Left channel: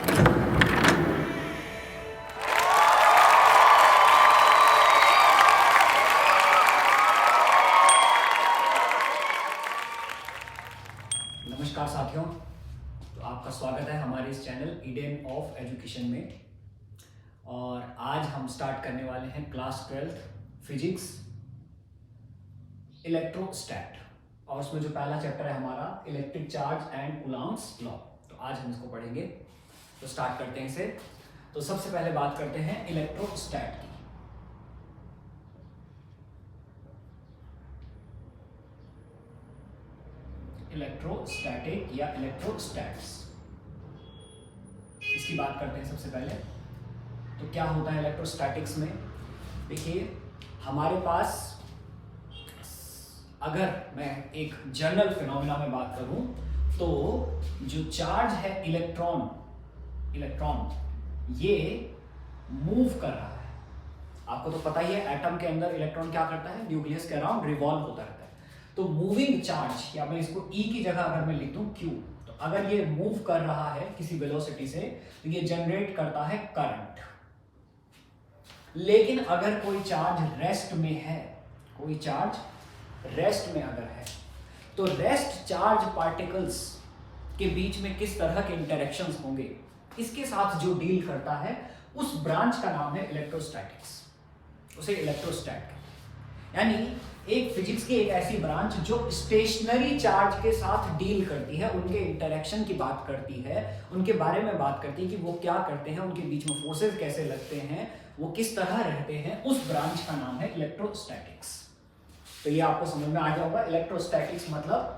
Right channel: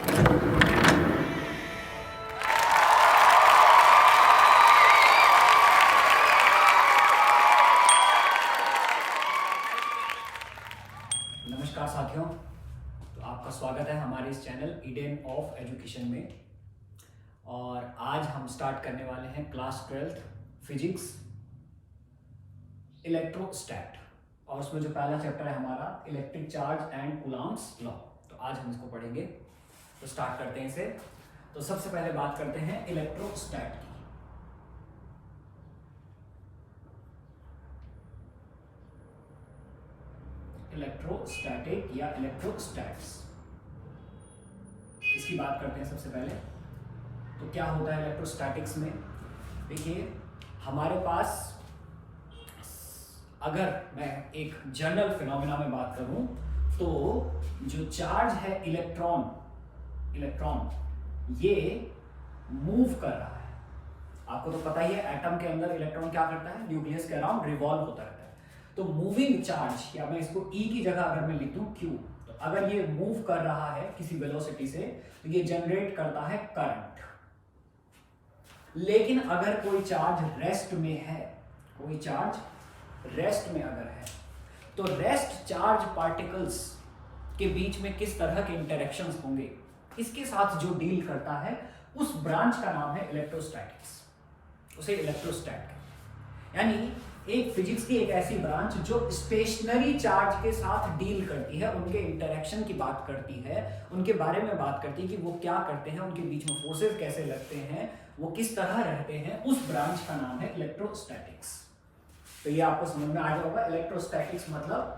नमस्कार साथियों, तो आपका स्वागत है हमारे इस चैनल ईडन ऑफ एजुकेशन में। और आज हम स्टार्ट करने वाले हैं क्लास 12th फिजिक्स इलेक्ट्रोस्टैट, और उसमें जो पहला चैप्टर है हमारा electric charge and Coulomb's law. तो आज हम इसको पढ़ेंगे, तो स्टार्ट करते हैं इसे। तो सबसे पहले बात करते हैं इलेक्ट्रोस्टैट की। इलेक्ट्रोस्टैटिक या इलेक्ट्रोस्टैट्स, इसकी बात करते हैं सबसे पहले। तो क्या होता है इलेक्ट्रोस्टैटिक्स में? देखिए, हमारे पास अगर मैं एक जनरल फिनोमिना में बात करूं तो जो चार्ज है इलेक्ट्रॉन ये मूव कर रहा है। आपको तो पता ही है, एटम के अंदर इलेक्ट्रॉन क्या करता है? न्यूक्लियस के अराउंड रिवॉल्व होता रहता है। तो मूविंग चार्ज, या मैं इसको E की जगह अगर मैं लिख दूं Q, तो अगर ये मूव कर रहा है किसी वेलोसिटी से तो ये जनरेट करता है करंट। लेकिन अगर कोई चार्ज रेस्ट में है, अगर है, तो रेस्ट चार्ज पार्टिकल्स के बीच में किस तरह के इंटरेक्शंस होंगे, इसके साथ जो डील करता है उस ब्रांच का नाम है इलेक्ट्रोस्टैटिक्स। उसे इलेक्ट्रोस्टैट, यानी एक फिजिक्स की एक ऐसी ब्रांच जो स्टेशनरी चार्ज के साथ डील करती है, उनके इंटरेक्शन की बात करती है, उनके बारे में बात करती है कि वो क्या करते हैं, उनके बीच में फोर्सेस कैसे लगते हैं, वो किस तरह रहते हैं। उस ब्रांच का नाम है इलेक्ट्रोस्टैटिक्स। तो ये आपको समझ में आ गया होगा। इलेक्ट्रोस्टैटिक्स मतलब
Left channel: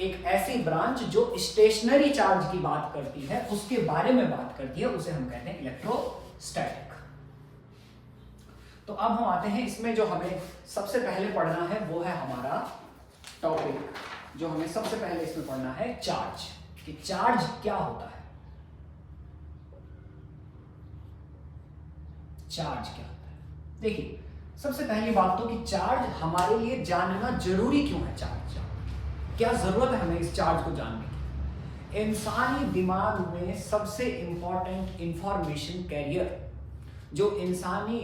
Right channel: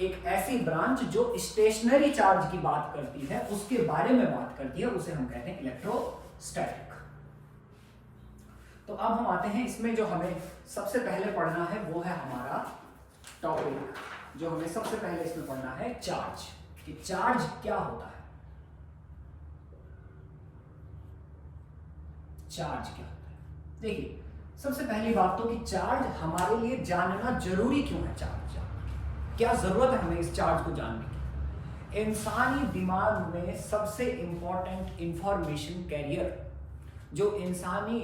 एक ऐसी ब्रांच जो स्टेशनरी चार्ज की बात करती है, उसके बारे में बात करती है, उसे हम कहते हैं इलेक्ट्रोस्टैटिक। तो अब हम आते हैं इसमें, जो हमें सबसे पहले पढ़ना है वो है हमारा टॉपिक, जो हमें सबसे पहले इसमें पढ़ना है चार्ज, कि चार्ज क्या होता है। चार्ज क्या होता है? देखिए, सबसे पहली बात तो कि चार्ज हमारे लिए जानना जरूरी क्यों है। चार्ज क्या जरूरत है हमें इस चार्ज को जानने की? इंसानी दिमाग में सबसे इंपॉर्टेंट इंफॉर्मेशन कैरियर, जो इंसानी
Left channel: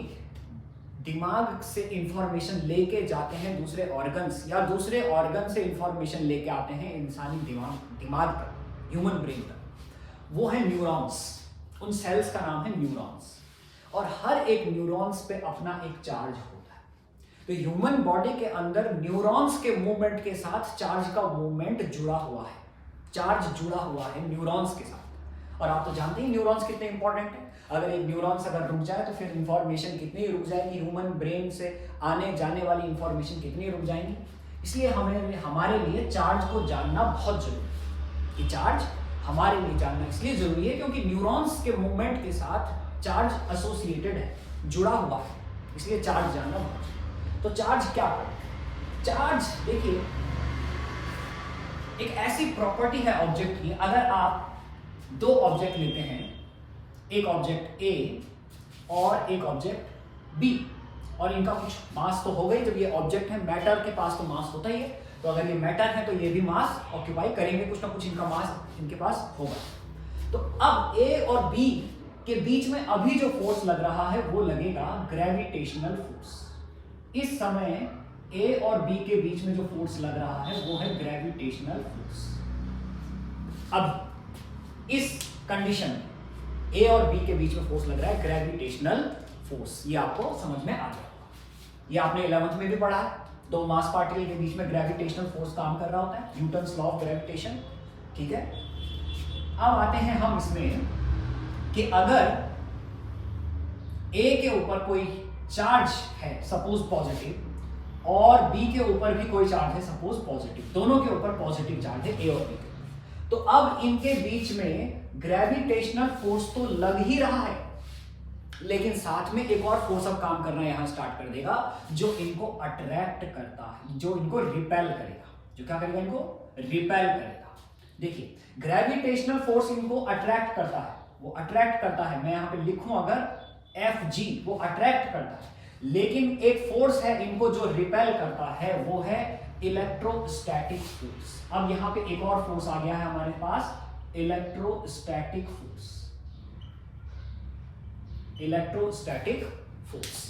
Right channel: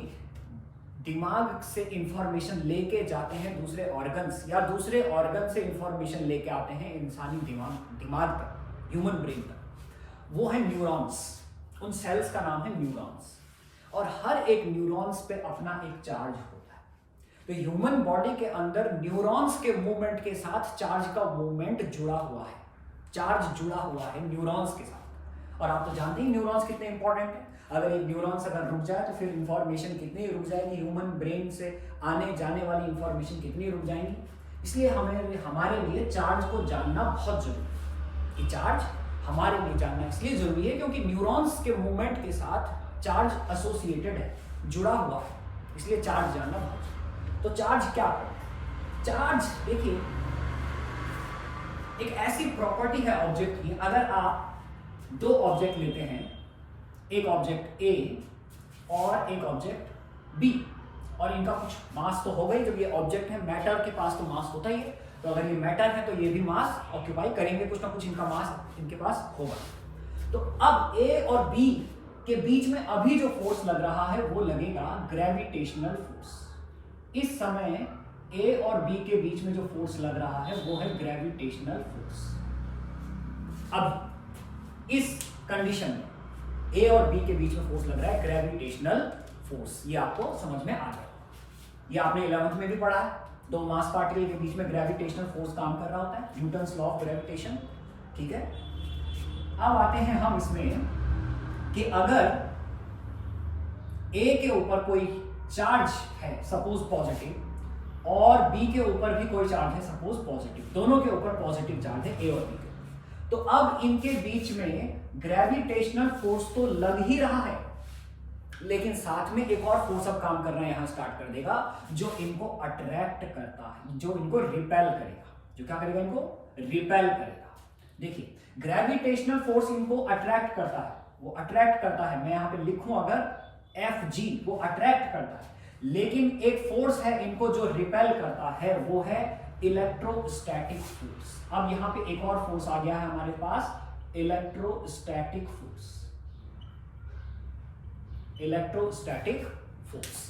दिमाग से इंफॉर्मेशन लेके जाते हैं दूसरे ऑर्गन्स, या दूसरे ऑर्गन से इंफॉर्मेशन लेके आते हैं इंसानी दिमाग तक, ह्यूमन ब्रेन तक, वो है न्यूरॉन्स। उन सेल्स का नाम है न्यूरॉन्स, और हर एक न्यूरॉन्स पे अपना एक चार्ज होता है। तो ह्यूमन बॉडी के अंदर न्यूरॉन्स के मूवमेंट के साथ चार्ज का मूवमेंट जुड़ा हुआ है, चार्ज जुड़ा हुआ है न्यूरॉन्स के साथ। और आप तो जानते ही न्यूरॉन्स कितने इंपॉर्टेंट है। अगर एक न्यूरॉन्स अगर रुक जाए तो फिर इंफॉर्मेशन कितनी रुक जाएगी, ह्यूमन ब्रेन से आने जाने वाली इंफॉर्मेशन कितनी रुक जाएंगी। इसलिए हमारे लिए चार्ज को जानना बहुत जरूरी है। कि चार्ज हमारे लिए जानना इसलिए जरूरी है क्योंकि न्यूरॉन्स के मूवमेंट के साथ चार्ज एसोसिएटेड है, जुड़ा हुआ है, इसलिए चार्ज जानना बहुत जरूरी है। तो चार्ज क्या है? चार्ज देखिए, एक ऐसी प्रॉपर्टी है ऑब्जेक्ट की। अगर आप दो ऑब्जेक्ट लेते हैं, एक ऑब्जेक्ट A और एक ऑब्जेक्ट B, और इनका कुछ मास तो हो गई। जब ये ऑब्जेक्ट है, मैटर के पास तो मास होता ही है, तो अगर ये मैटर है तो ये भी मास ऑक्यूपाई करेंगे, कुछ ना कुछ इनका मास इनके पास होगा। तो अब A और B के बीच में अभी जो फोर्स लग रहा है वो लगेगा ग्रेविटेशनल फोर्स। इस समय A और B के बीच में जो फोर्स लग रहा है वो है ग्रेविटेशनल फोर्स। अब इस कंडीशन में A और B के बीच में फोर्स लग रहा है ग्रेविटेशनल फोर्स। ये आपको समझ में आ गया। ये आपने 11th में भी पढ़ा है। दो मास पार्टिकल के बीच में ग्रेविटेशनल फोर्स काम कर रहा होता है, न्यूटन्स लॉ ऑफ ग्रेविटेशन। ठीक है, अब आते हैं हम इसमें कि अगर A के ऊपर कोई चार्ज है सपोज पॉजिटिव, और B के ऊपर भी कोई चार्ज है सपोज पॉजिटिव, दोनों के ऊपर पॉजिटिव चार्ज है A और B के, तो अब इनके बीच में ग्रेविटेशनल फोर्स तो लग ही रहा है, लेकिन साथ में एक और फोर्स अब काम करना यहां स्टार्ट कर देगा, जो इनको अट्रैक्ट करता है, जो इनको रिपेल करेगा। जो क्या करेगा? इनको रिपेल करेगा। देखिए, ग्रेविटेशनल फोर्स इनको अट्रैक्ट करता है, वो अट्रैक्ट करता है। मैं यहां पे लिखूं अगर Fg, वो अट्रैक्ट करता है। लेकिन एक फोर्स है इनको जो रिपेल करता है, वो है इलेक्ट्रोस्टैटिक फोर्स। अब यहां पे एक और फोर्स आ गया है हमारे पास, इलेक्ट्रोस्टैटिक फोर्स। Electrostatic force.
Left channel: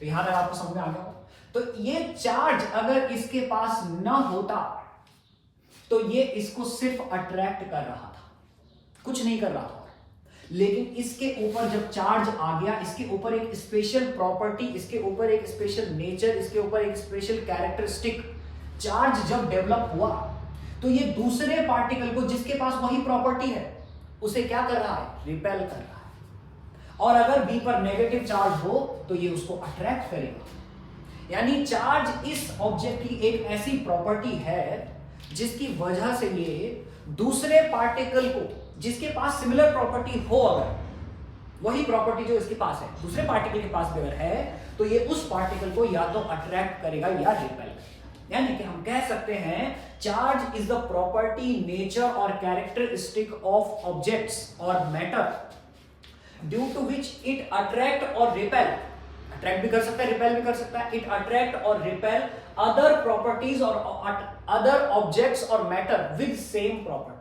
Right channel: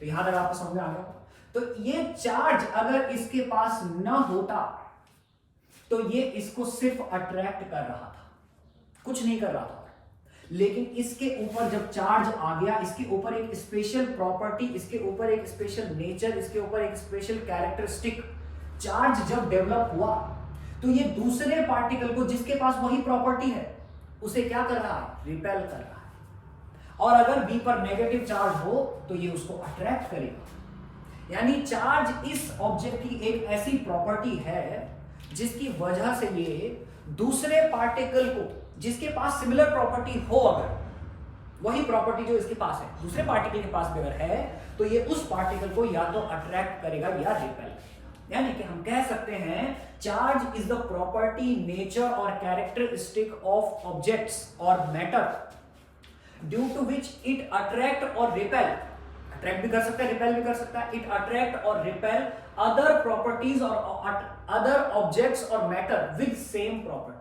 तो यहां तक आपको समझ में आ गया। तो ये चार्ज अगर इसके पास ना होता तो ये इसको सिर्फ अट्रैक्ट कर रहा था, कुछ नहीं कर रहा था। लेकिन इसके ऊपर जब चार्ज आ गया, इसके ऊपर एक स्पेशल प्रॉपर्टी, इसके ऊपर एक स्पेशल नेचर, इसके ऊपर एक स्पेशल कैरेक्टरिस्टिक, चार्ज जब डेवलप हुआ तो ये दूसरे पार्टिकल को जिसके पास वही प्रॉपर्टी है उसे क्या कर रहा है, रिपेल कर रहा है। और अगर बी पर नेगेटिव चार्ज हो तो ये उसको अट्रैक्ट करेगा। यानी चार्ज इस ऑब्जेक्ट की एक ऐसी प्रॉपर्टी है जिसकी वजह से ये दूसरे पार्टिकल को जिसके पास सिमिलर प्रॉपर्टी हो, अगर वही प्रॉपर्टी जो इसके पास है दूसरे पार्टिकल के पास भी अगर है, तो ये उस पार्टिकल को या तो अट्रैक्ट करेगा या रिपेल करेगा। यानी कि हम कह सकते हैं charge is the property, nature और कैरेक्टरिस्टिक ऑफ ऑब्जेक्ट्स और matter due to which it attract और रिपेल, अट्रैक्ट भी कर सकता है, रिपेल भी कर सकता है, इट अट्रैक्ट और रिपेल अदर प्रॉपर्टीज और अदर ऑब्जेक्ट्स और matter with same properties.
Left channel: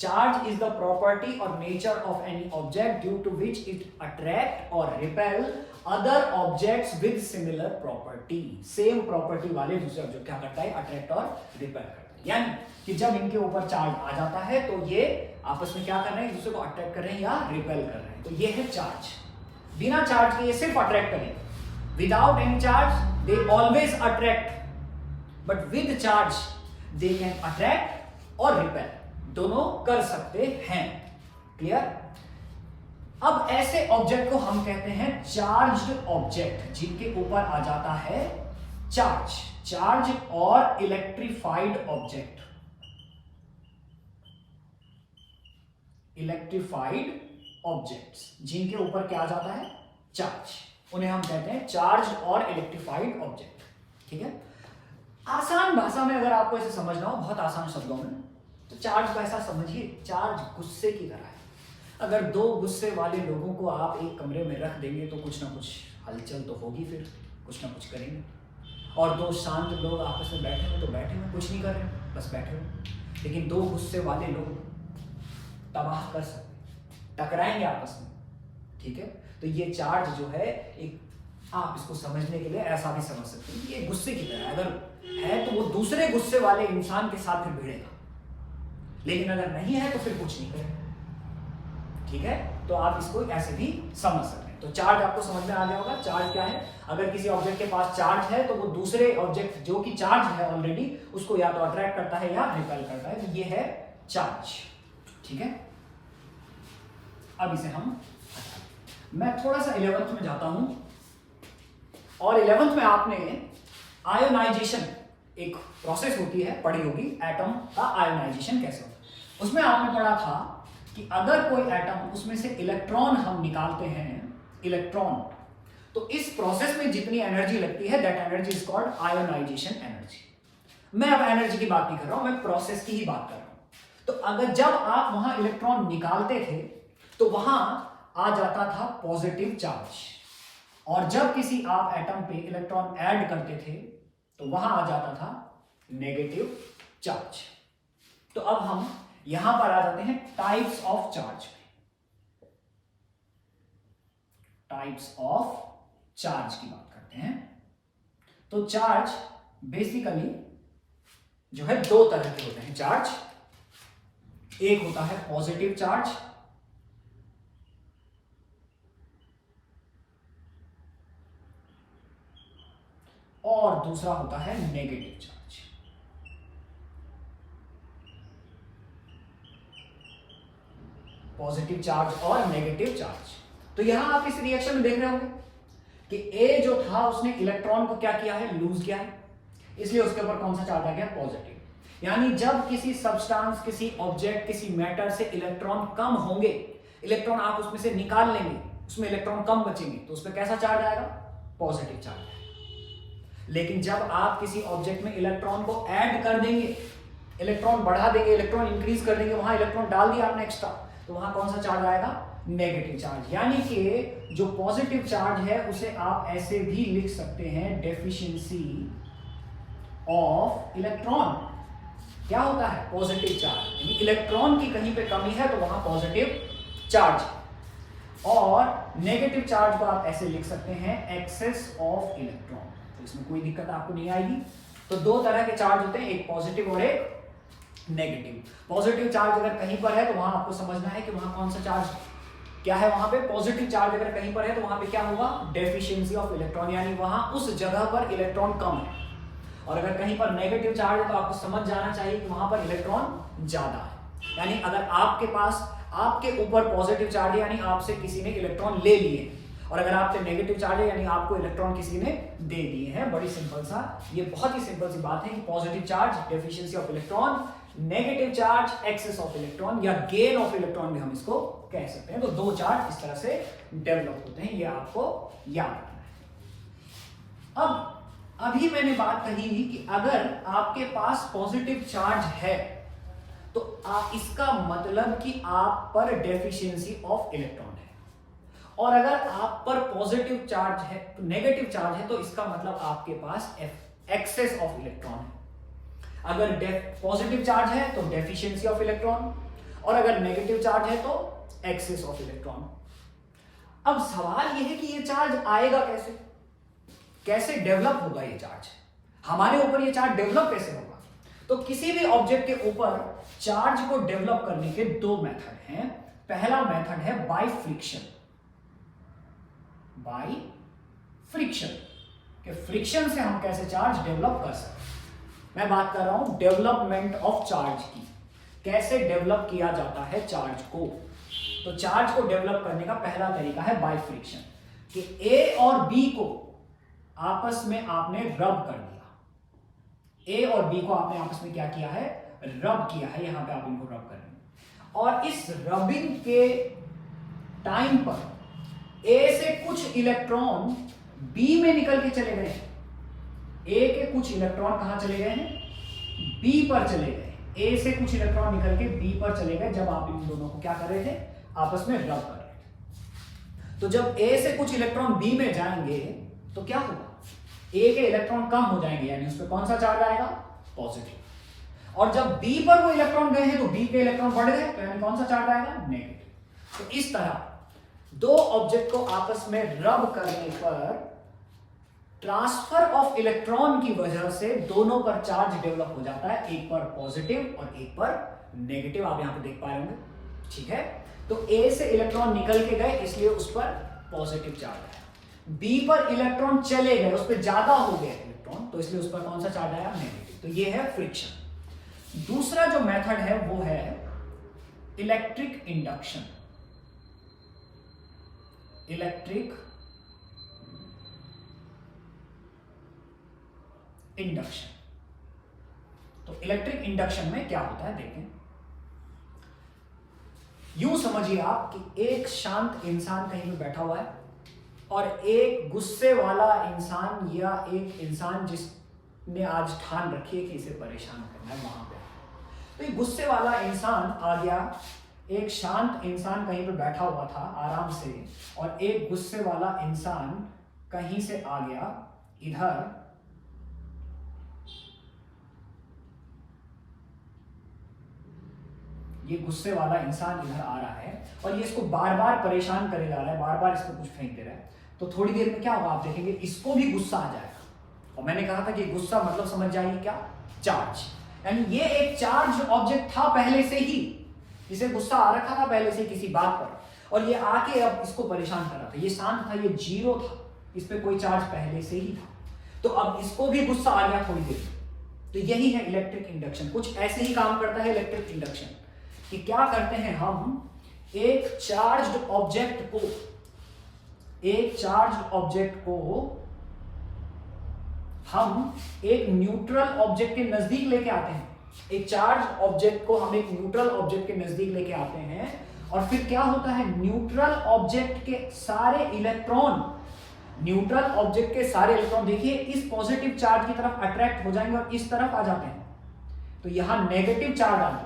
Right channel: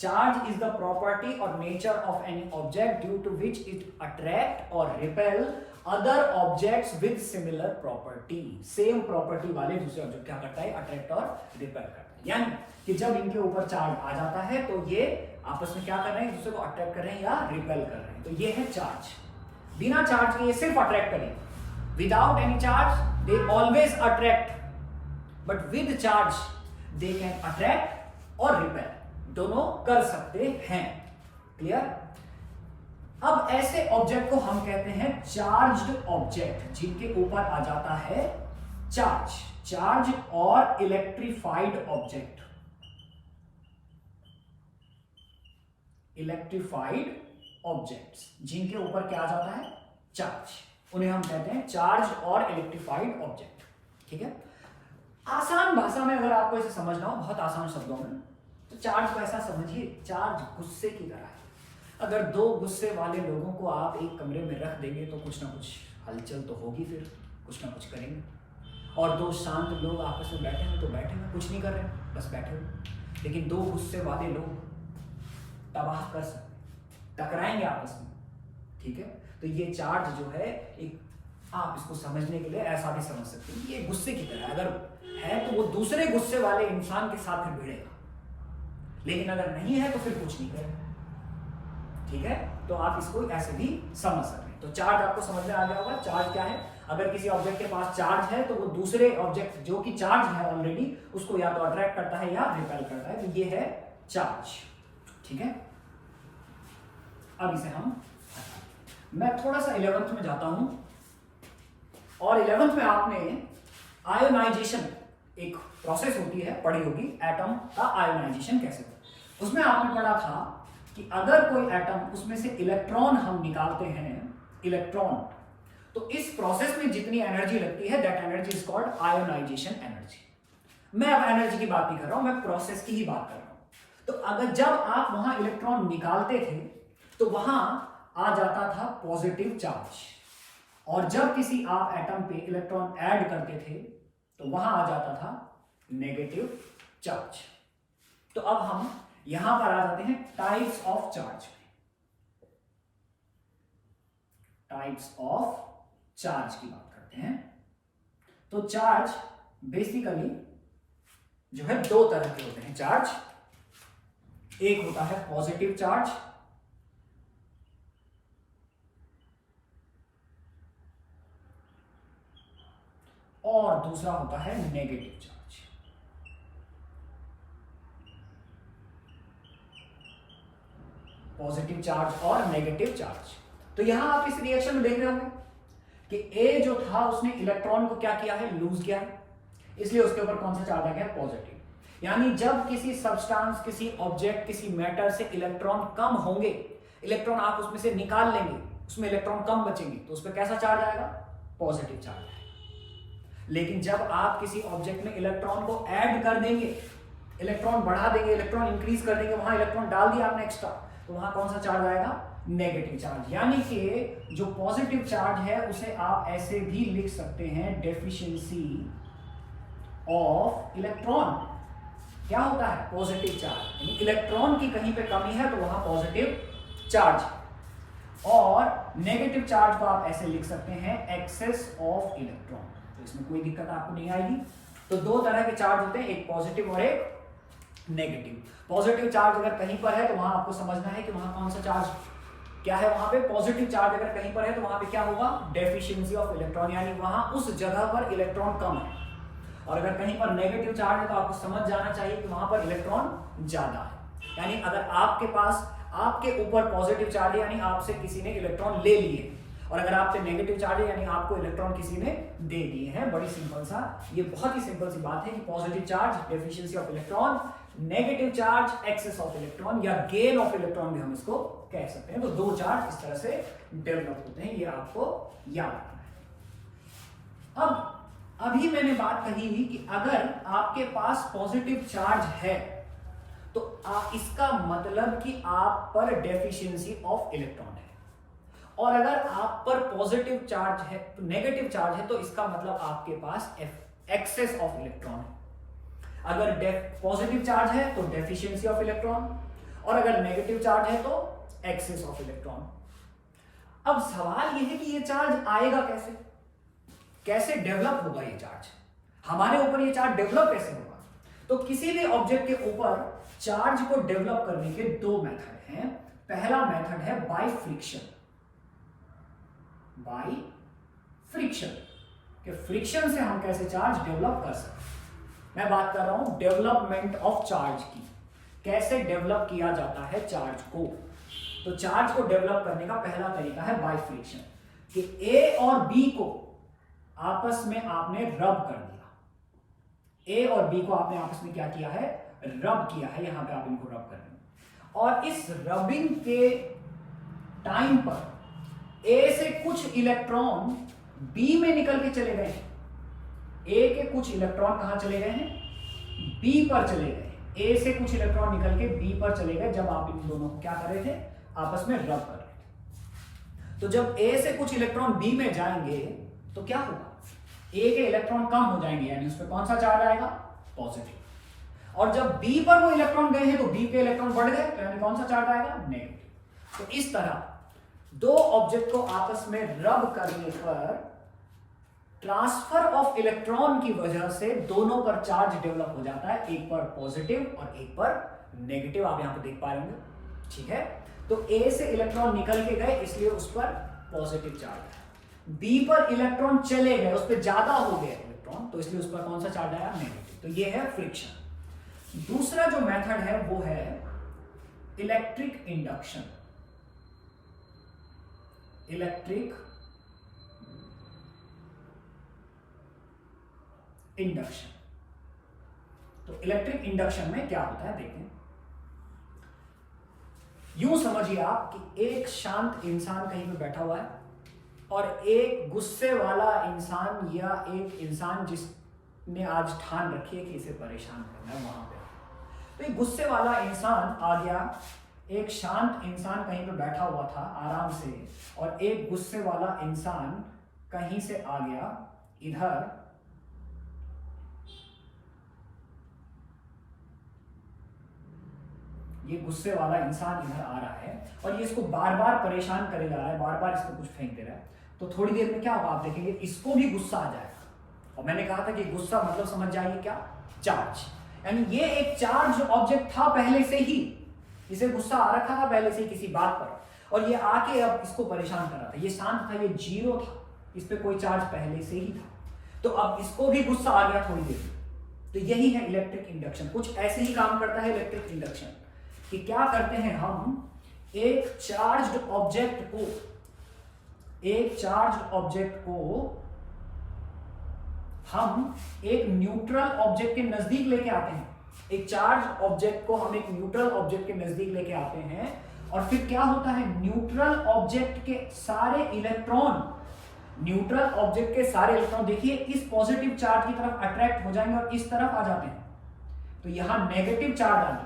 Charge is the property or nature of any object due to which it attract or repel other objects with similar property। Same property वाले दूसरे object क्या करता है, attract और repel करता है। यानी कि जब इनके ऊपर चार्ज आ जाता है तो ये आपस में क्या कर रहे हैं, एक दूसरे को अट्रैक्ट कर रहे हैं या रिपेल कर रहे हैं। तो ये है चार्ज। बिना चार्ज के ये सिर्फ अट्रैक्ट करेंगे। Without any charge they always attract, but with charge they can attract और रिपेल, दोनों कर सकते हैं। क्लियर? अब ऐसे ऑब्जेक्ट को हम कहते हैं चार्ज्ड ऑब्जेक्ट, जिनके ऊपर आ जाता है चार्ज। चार्ज और इलेक्ट्रिफाइड ऑब्जेक्ट, इलेक्ट्रिफाइड ऑब्जेक्ट्स जिनके ऊपर क्या आ जाता है, चार्ज, उन्हें हम कहते हैं चार्ज और इलेक्ट्रिफाइड ऑब्जेक्ट। ठीक है? आसान भाषा में अगर आपको इसे समझना हो, बहुत आसान शब्दों में, तो चार्ज को ऐसा समझिए, चार्ज गुस्से की तरह है। अगर दो गुस्से वाले लोगों को आप एक कमरे में रख देंगे तो कुछ ना कुछ हलचल तो होगी, फिर कुछ ना कुछ करेंगे। और दो शांत लोग आपस में बैठे हुए तो बैठे हुए, कुछ नहीं कर रहे, बस बैठे हुए। लेकिन दो गुस्से वाले लोग तबाह कर सकते, टकराएंगे आपस में। ठीक है? तो ये चार्ज जो है, एक आप इसको समझने के लिए ऐसा भी समझ सकते हैं, ये गुस्से की तरह अगर है तो वो दूसरे गुस्से वाले इंसान के साथ फिर भिड़ेगा, लेकिन अगर नहीं है तो फिर कुछ नहीं करेगा। ठीक है? तो आप इसको ऐसे भी समझ सकते हैं। तो चार्ज आपको समझ में आ गया होगा। चार्ज क्या है? अगर किसी ऑब्जेक्ट के पास चार्ज है तो वो दूसरे ऑब्जेक्ट जो कि चार्ज है ऑलरेडी, उसको या तो अट्रैक्ट करता है या रिपेल करता है। तो ये है चार्ज। ठीक है? अब इसे मैं थोड़ा सा 11th में जाता हूं, और 11th में आपने आयोनाइजेशन, एक प्रोसेस होती है, पढ़ी होगी, एटम का आयोनाइजेशन कैसे होता है। उसमें आपने पढ़ा था कि अगर कोई एटम, उसमें से इलेक्ट्रॉन हम निकालते हैं, इलेक्ट्रॉन, तो इस प्रोसेस में जितनी एनर्जी लगती है, that energy is called ionisation energy. मैं अब एनर्जी की बात नहीं कर रहा हूं, मैं प्रोसेस की ही बात कर रहा हूं। तो अगर जब आप वहां इलेक्ट्रॉन निकालते थे तो वहां आ जाता था पॉजिटिव चार्ज, और जब किसी आप एटम पे इलेक्ट्रॉन ऐड करते थे तो वहां आ जाता था नेगेटिव चार्ज। तो अब हम यहां पर आ जाते हैं टाइप्स ऑफ चार्ज में। टाइप्स ऑफ चार्ज की बात करते हैं। तो चार्ज बेसिकली जो है दो तरह के होते हैं चार्ज। एक होता है पॉजिटिव चार्ज, और दूसरा होता है नेगेटिव चार्ज। पॉजिटिव चार्ज और नेगेटिव चार्ज। तो यहां आप इस रिएक्शन में देख रहे होंगे कि ए जो था उसने इलेक्ट्रॉन को क्या किया है, लूज किया है, इसलिए उसके ऊपर कौन सा चार्ज आ गया, पॉजिटिव। यानी जब किसी सब्सटेंस, किसी ऑब्जेक्ट, किसी मैटर से इलेक्ट्रॉन कम होंगे, इलेक्ट्रॉन आप उसमें से निकाल लेंगे, उसमें इलेक्ट्रॉन कम बचेंगे, तो उस पर कैसा चार्ज आएगा, पॉजिटिव चार्ज आएगा। लेकिन जब आप किसी ऑब्जेक्ट में इलेक्ट्रॉन को ऐड कर देंगे, इलेक्ट्रॉन बढ़ा देंगे, इलेक्ट्रॉन इंक्रीज कर देंगे, वहां इलेक्ट्रॉन डाल दिया आपने एक्स्ट्रा, तो वहां कौन सा चार्ज आएगा, नेगेटिव चार्ज। यानी कि जो पॉजिटिव चार्ज है उसे आप ऐसे भी लिख सकते हैं, डेफिशिएंसी ऑफ इलेक्ट्रॉन। क्या होता है, पॉजिटिव चार्ज। यानी इलेक्ट्रॉन की कहीं पे कमी है तो वहां पॉजिटिव चार्ज। और नेगेटिव चार्ज को आप ऐसे लिख सकते हैं एक्सेस ऑफ इलेक्ट्रॉन। तो इसमें कोई दिक्कत आपको नहीं आएगी। तो दो तरह के चार्ज होते हैं, एक पॉजिटिव और एक नेगेटिव। पॉजिटिव चार्ज अगर कहीं पर है तो वहां आपको समझना है कि वहां कौन सा चार्ज क्या है। वहां पे पॉजिटिव चार्ज अगर कहीं पर है तो वहां पे क्या होगा, डेफिशिएंसी ऑफ इलेक्ट्रॉन, यानी वहां उस जगह पर इलेक्ट्रॉन कम है। और अगर कहीं पर नेगेटिव चार्ज है तो आपको समझ जाना चाहिए कि वहां पर इलेक्ट्रॉन ज्यादा है। यानी अगर आपके पास आपके ऊपर पॉजिटिव चार्ज है यानी आपसे किसी ने इलेक्ट्रॉन ले लिए, और अगर आप पे नेगेटिव चार्ज है यानी आपको इलेक्ट्रॉन किसी ने दे दिए हैं। बड़ी सिंपल सा, ये बहुत ही सिंपल सी बात है कि positive charge deficiency of electron, negative charge excess of electron या गेन ऑफ इलेक्ट्रॉन भी हम इसको कह सकते हैं। तो दो चार्ज इस तरह से डेवलप होते हैं, ये आपको याद रखना है। अब अभी मैंने बात कही कि अगर आपके पास पॉजिटिव चार्ज है तो इसका मतलब कि आप पर डेफिशिएंसी ऑफ इलेक्ट्रॉन है, और अगर आप पर पॉजिटिव चार्ज है तो नेगेटिव चार्ज है तो इसका मतलब आपके पास एक्सेस ऑफ इलेक्ट्रॉन है। अगर पॉजिटिव चार्ज है तो डेफिशिएंसी ऑफ इलेक्ट्रॉन, और अगर नेगेटिव चार्ज है तो एक्सेस ऑफ इलेक्ट्रॉन। अब सवाल यह है कि यह चार्ज आएगा कैसे, कैसे डेवलप होगा ये चार्ज, हमारे ऊपर ये चार्ज डेवलप कैसे होगा। तो किसी भी ऑब्जेक्ट के ऊपर चार्ज को डेवलप करने के दो मेथड हैं। पहला मेथड है बाय फ्रिक्शन, बाय फ्रिक्शन कि फ्रिक्शन से हम कैसे चार्ज डेवलप कर सकते हैं। मैं बात कर रहा हूं डेवलपमेंट ऑफ चार्ज की, कैसे डेवलप किया जाता है चार्ज को। तो चार्ज को डेवलप करने का पहला तरीका है बाय फ्रिक्शन, कि ए और बी को आपस में आपने रब कर दिया। ए और बी को आपने आपस में क्या किया है, रब किया है। यहां पे आप इनको रब कर रहे हैं, और इस रबिंग के टाइम पर ए से कुछ इलेक्ट्रॉन बी में निकल के चले गए हैं। ए के कुछ इलेक्ट्रॉन कहां चले गए हैं, बी पर चले गए। ए से कुछ इलेक्ट्रॉन निकल के बी पर चले गए जब आप इन दोनों को क्या कर रहे थे, आपस में रब कर रहे थे। तो जब ए से कुछ इलेक्ट्रॉन बी में जाएंगे तो क्या होगा, ए के इलेक्ट्रॉन कम हो जाएंगे, यानी उस पर कौन सा चार्ज आएगा, पॉजिटिव। और जब बी पर वो इलेक्ट्रॉन गए हैं तो बी के इलेक्ट्रॉन बढ़ गए, तो यानी कौन सा चार्ज आएगा, नेगेटिव। तो इस तरह दो ऑब्जेक्ट को आपस में रब करने पर ट्रांसफर ऑफ इलेक्ट्रॉन की वजह से दोनों पर चार्ज डेवलप हो जाता है, एक पर पॉजिटिव और एक पर नेगेटिव। आप यहां पे देख पा रहे होंगे, ठीक है। तो ए से इलेक्ट्रॉन निकल के गए इसलिए उस पर पॉजिटिव चार्ज है, बी पर इलेक्ट्रॉन चले गए, उस पर ज्यादा हो गए इलेक्ट्रॉन, तो इसलिए उस पर कौन सा चार्ज आया, नेगेटिव। तो ये है फ्रिक्शन। दूसरा जो मेथड है वो है इलेक्ट्रिक इंडक्शन। Electric induction. तो इलेक्ट्रिक इंडक्शन में क्या होता है देखें। यूं समझिए आप कि एक शांत इंसान कहीं पे बैठा हुआ है और एक गुस्से वाला इंसान या एक इंसान जिसने आज ठान रखी है कि इसे परेशान करना है वहां पे। तो ये गुस्से वाला इंसान आ गया, एक शांत इंसान कहीं पे बैठा हुआ था आराम से, और एक गुस्से वाला इंसान कहीं से आ गया इधर, ये गुस्से वाला इंसान इधर आ रहा है और ये इसको बार बार परेशान करे जा रहा है, बार बार इसको कुछ फेंक दे रहा है। तो थोड़ी देर में क्या होगा आप देखेंगे, इसको भी गुस्सा आ जाएगा। और मैंने कहा था कि गुस्सा मतलब समझ जाइए क्या, चार्ज। यानी ये एक चार्ज ऑब्जेक्ट था पहले से ही, इसे गुस्सा आ रखा था पहले से किसी बात पर, और ये आके अब इसको परेशान कर रहा था। ये शांत था, ये जीरो था, इस पे कोई चार्ज पहले से ही था, तो अब इसको भी गुस्सा आ गया थोड़ी देर में। तो यही है इलेक्ट्रिक इंडक्शन। कुछ ऐसे ही काम करता है इलेक्ट्रिक इंडक्शन कि क्या करते हैं हम, एक चार्ज्ड ऑब्जेक्ट को हम एक न्यूट्रल ऑब्जेक्ट के नजदीक लेके आते हैं। एक चार्ज ऑब्जेक्ट को हम एक न्यूट्रल ऑब्जेक्ट के नजदीक लेके आते हैं, और फिर क्या होता है, न्यूट्रल ऑब्जेक्ट के सारे इलेक्ट्रॉन देखिए इस पॉजिटिव चार्ज की तरफ अट्रैक्ट हो जाएंगे और इस तरफ आ जाते हैं। तो यहां नेगेटिव चार्ज आ गया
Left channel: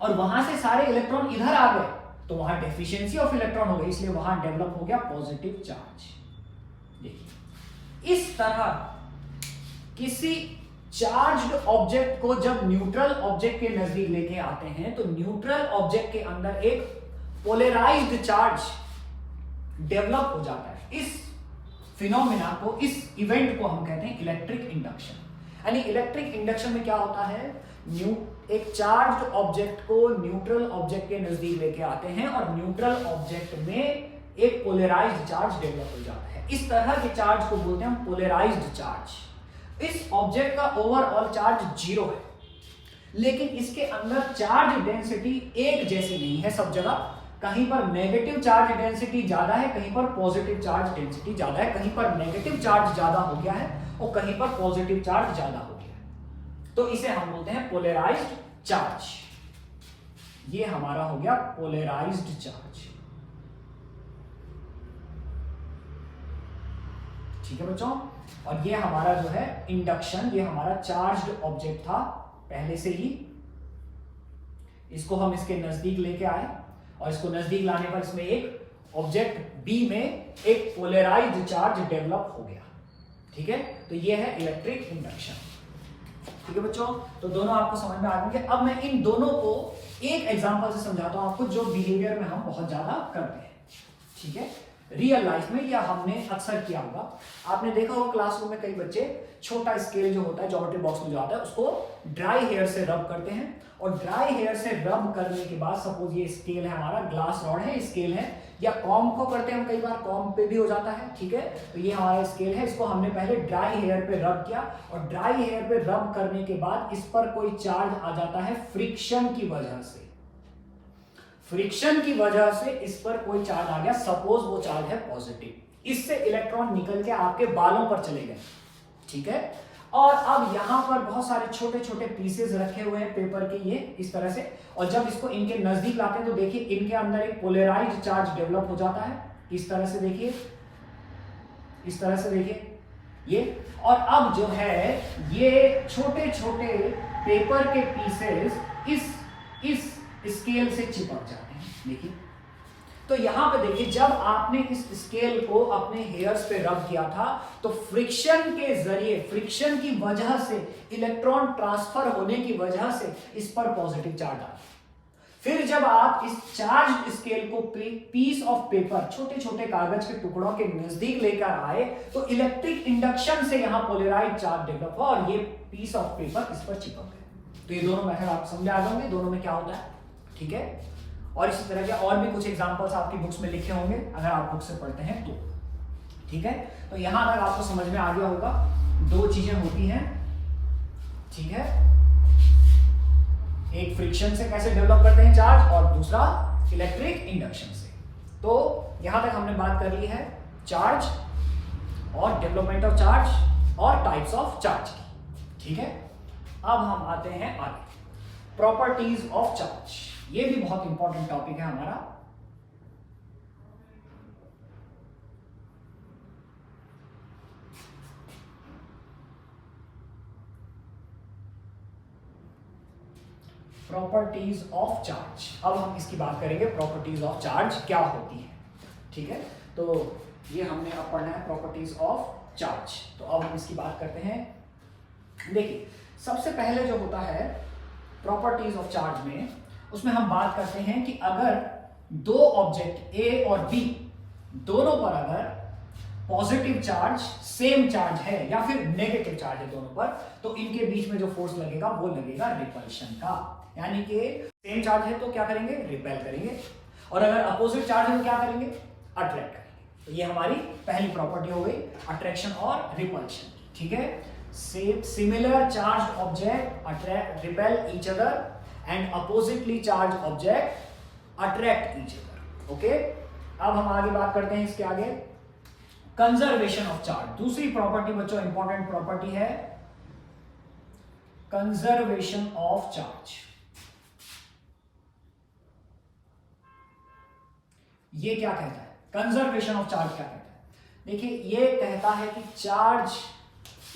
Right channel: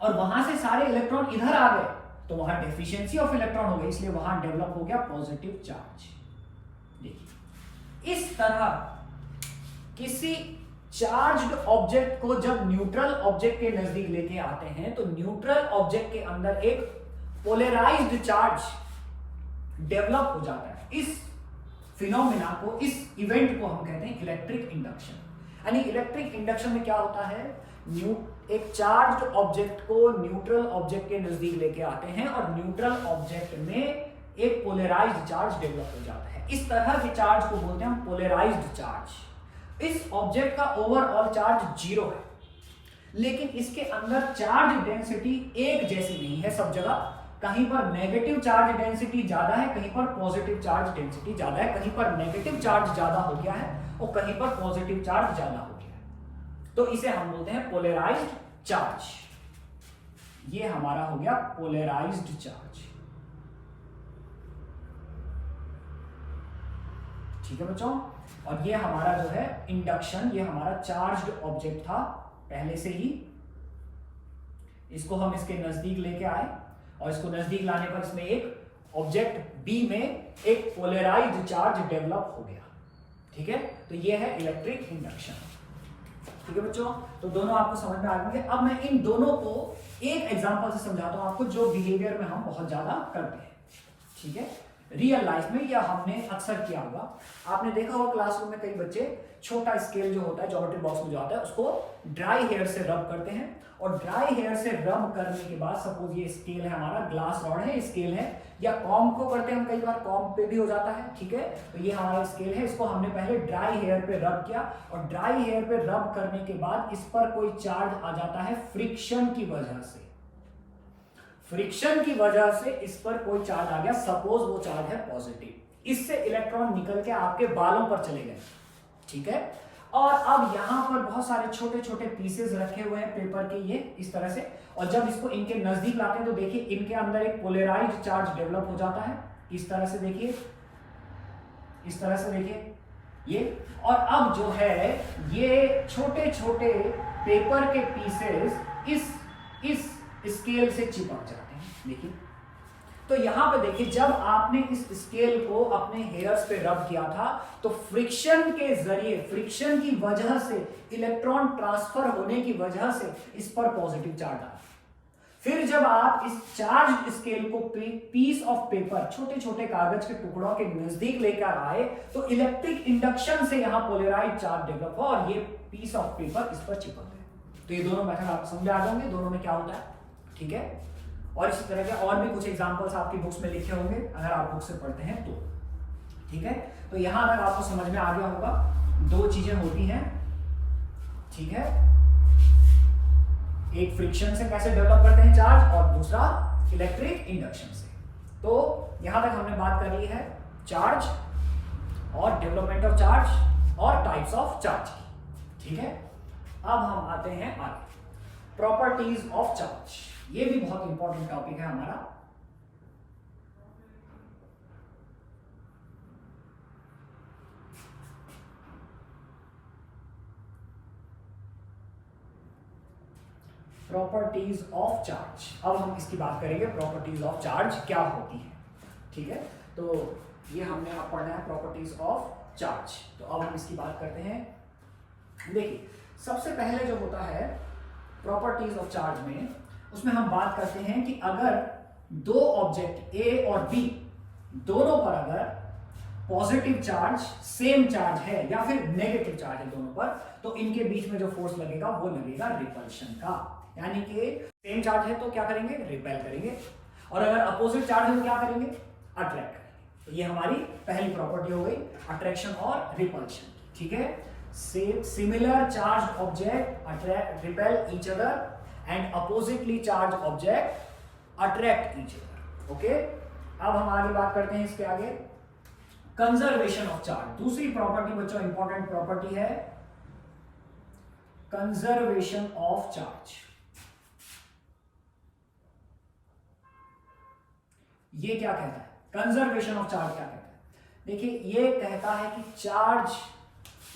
और वहां से सारे इलेक्ट्रॉन इधर आ गए, तो वहां डेफिशिएंसी ऑफ इलेक्ट्रॉन हो गई, इसलिए वहां डेवलप हो गया पॉजिटिव चार्ज। देखिए इस तरह किसी चार्ज्ड ऑब्जेक्ट को जब न्यूट्रल ऑब्जेक्ट के नजदीक लेके आते हैं तो न्यूट्रल ऑब्जेक्ट के अंदर एक पोलराइज्ड चार्ज डेवलप हो जाता है। इस फिनोमिना को, इस इवेंट को हम कहते हैं इलेक्ट्रिक इंडक्शन। यानी इलेक्ट्रिक इंडक्शन में क्या होता है, एक चार्ज ऑब्जेक्ट को न्यूट्रल ऑब्जेक्ट के नजदीक लेके आते हैं और न्यूट्रल ऑब्जेक्ट में एक पोलराइज्ड चार्ज डेवलप हो जाता है। इस तरह के चार्ज को बोलते हैं हम पोलराइज्ड चार्ज। इस ऑब्जेक्ट का ओवरऑल चार्ज 0 है, लेकिन इसके अंदर चार्ज डेंसिटी एक जैसी नहीं है सब जगह। कहीं पर नेगेटिव चार्ज डेंसिटी ज्यादा है, कहीं पर पॉजिटिव चार्ज डेंसिटी ज्यादा है, कहीं पर नेगेटिव चार्ज ज्यादा हो गया है और कहीं पर पॉजिटिव चार्ज ज्यादा हो गया है। तो इसे हम बोलते हैं पोलराइज्ड चार्ज। ये हमारा हो गया पोलराइज्ड चार्ज। ठीक है बच्चों, और ये हमारा जो है इंडक्शन, ये हमारा चार्ज्ड ऑब्जेक्ट था पहले से ही। इसको हम इसके नजदीक लेके आए और इसको नजदीक लाने पर इसमें एक ऑब्जेक्ट बी में एक पोलराइज्ड चार्ज डेवलप हो गया। ठीक है, तो ये है इलेक्ट्रिक इंडक्शन। ठीक है बच्चों, तो दोनों आपको समझ में आ गए। अब मैं इन दोनों को एक एग्जांपल से समझाता हूं आपको, जो बिहेवियर में हम बहुत ज्यादा करते हैं। ठीक है, रियल लाइफ में या हमने अक्सर किया होगा। आपने देखा होगा क्लासरूम में कई बच्चे छोटा स्केल जो होता है ज्योमेट्री बॉक्स में जो आता है उसको ड्राई हेयर से रब करते हैं, और ड्राई हेयर से रब करने के बाद सपोज ये स्केल है हमारा, ग्लास रॉड है, स्केल है, या कॉम्ब को करते हैं हम, कई बार कॉम्ब पे भी हो जाता है। ठीक है, तो ये हमारा स्केल है, इसको हमने पहले ड्राई हेयर पे रब किया और ड्राई हेयर पे रब करने के बाद इस पर कोई चार्ज आ जाता है फ्रिक्शन की वजह से। फ्रिक्शन की वजह से इस पर कोई चार्ज आ गया, सपोज वो चार्ज है पॉजिटिव। इससे इलेक्ट्रॉन निकल के आपके बालों पर चले गए। ठीक है, और अब यहां पर बहुत सारे छोटे छोटे पीसेस रखे हुए हैं पेपर के, ये इस तरह से, और जब इसको इनके नजदीक लाते हैं तो देखिए इनके अंदर एक पोलराइज्ड चार्ज डेवलप हो जाता है। इस तरह से देखिए, इस तरह से देखिए ये, और अब जो है ये छोटे छोटे पेपर के पीसेस इस स्केल से चिपक जाते हैं। देखिए, तो यहां पे देखिए, जब आपने इस स्केल को अपने हेयर्स पे रब किया था तो फ्रिक्शन के जरिए, फ्रिक्शन की वजह से, इलेक्ट्रॉन ट्रांसफर होने की वजह से इस पर पॉजिटिव चार्ज आया। फिर जब आप इस चार्ज स्केल को पीस ऑफ पेपर, छोटे छोटे कागज के टुकड़ों के नजदीक लेकर आए तो इलेक्ट्रिक इंडक्शन से यहां पोलराइज्ड चार्ज डेवलप हुआ और ये पीस ऑफ पेपर इस पर चिपक गए। तो ये दोनों मेथड आपको समझ आ जाओगे, दोनों में क्या होता है। ठीक है, और इसी तरह के और भी कुछ एग्जांपल्स आपकी बुक्स में लिखे होंगे अगर आप बुक से पढ़ते हैं तो। ठीक है, तो यहां अगर आपको समझ में आ गया होगा, दो चीजें होती हैं। ठीक है, एक फ्रिक्शन से कैसे डेवलप करते हैं चार्ज और दूसरा इलेक्ट्रिक इंडक्शन से। तो यहां तक हमने बात कर ली है चार्ज और डेवलपमेंट ऑफ चार्ज और टाइप्स ऑफ चार्ज की। ठीक है, अब हम आते हैं आगे, प्रॉपर्टीज ऑफ चार्ज। ये भी बहुत इंपॉर्टेंट टॉपिक है हमारा। प्रॉपर्टीज ऑफ चार्ज, अब हम इसकी बात करेंगे, प्रॉपर्टीज ऑफ चार्ज क्या होती है। ठीक है, तो ये हमने अब पढ़ना है प्रॉपर्टीज ऑफ चार्ज। तो अब हम इसकी बात करते हैं। देखिए, सबसे पहले जो होता है प्रॉपर्टीज ऑफ चार्ज में, उसमें हम बात करते हैं कि अगर दो ऑब्जेक्ट ए और बी दोनों पर अगर पॉजिटिव चार्ज, सेम चार्ज है या फिर नेगेटिव चार्ज है दोनों पर, तो इनके बीच में जो फोर्स लगेगा वो लगेगा रिपल्शन का। यानी कि सेम चार्ज है तो क्या करेंगे, रिपेल करेंगे, और अगर अपोजिट चार्ज है तो क्या करेंगे, अट्रैक्ट करेंगे। तो ये हमारी पहली प्रॉपर्टी हो गई, अट्रैक्शन और रिपल्शन। ठीक है, similar charge object attract, repel each other, and oppositely charged object attract each other. Okay, अब हम आगे बात करते हैं इसके आगे, कंजर्वेशन ऑफ चार्ज। दूसरी प्रॉपर्टी बच्चों इंपॉर्टेंट प्रॉपर्टी है कंजर्वेशन ऑफ चार्ज। ये क्या कहता है, कंजर्वेशन ऑफ चार्ज क्या कहता है? देखिए, ये कहता है कि चार्ज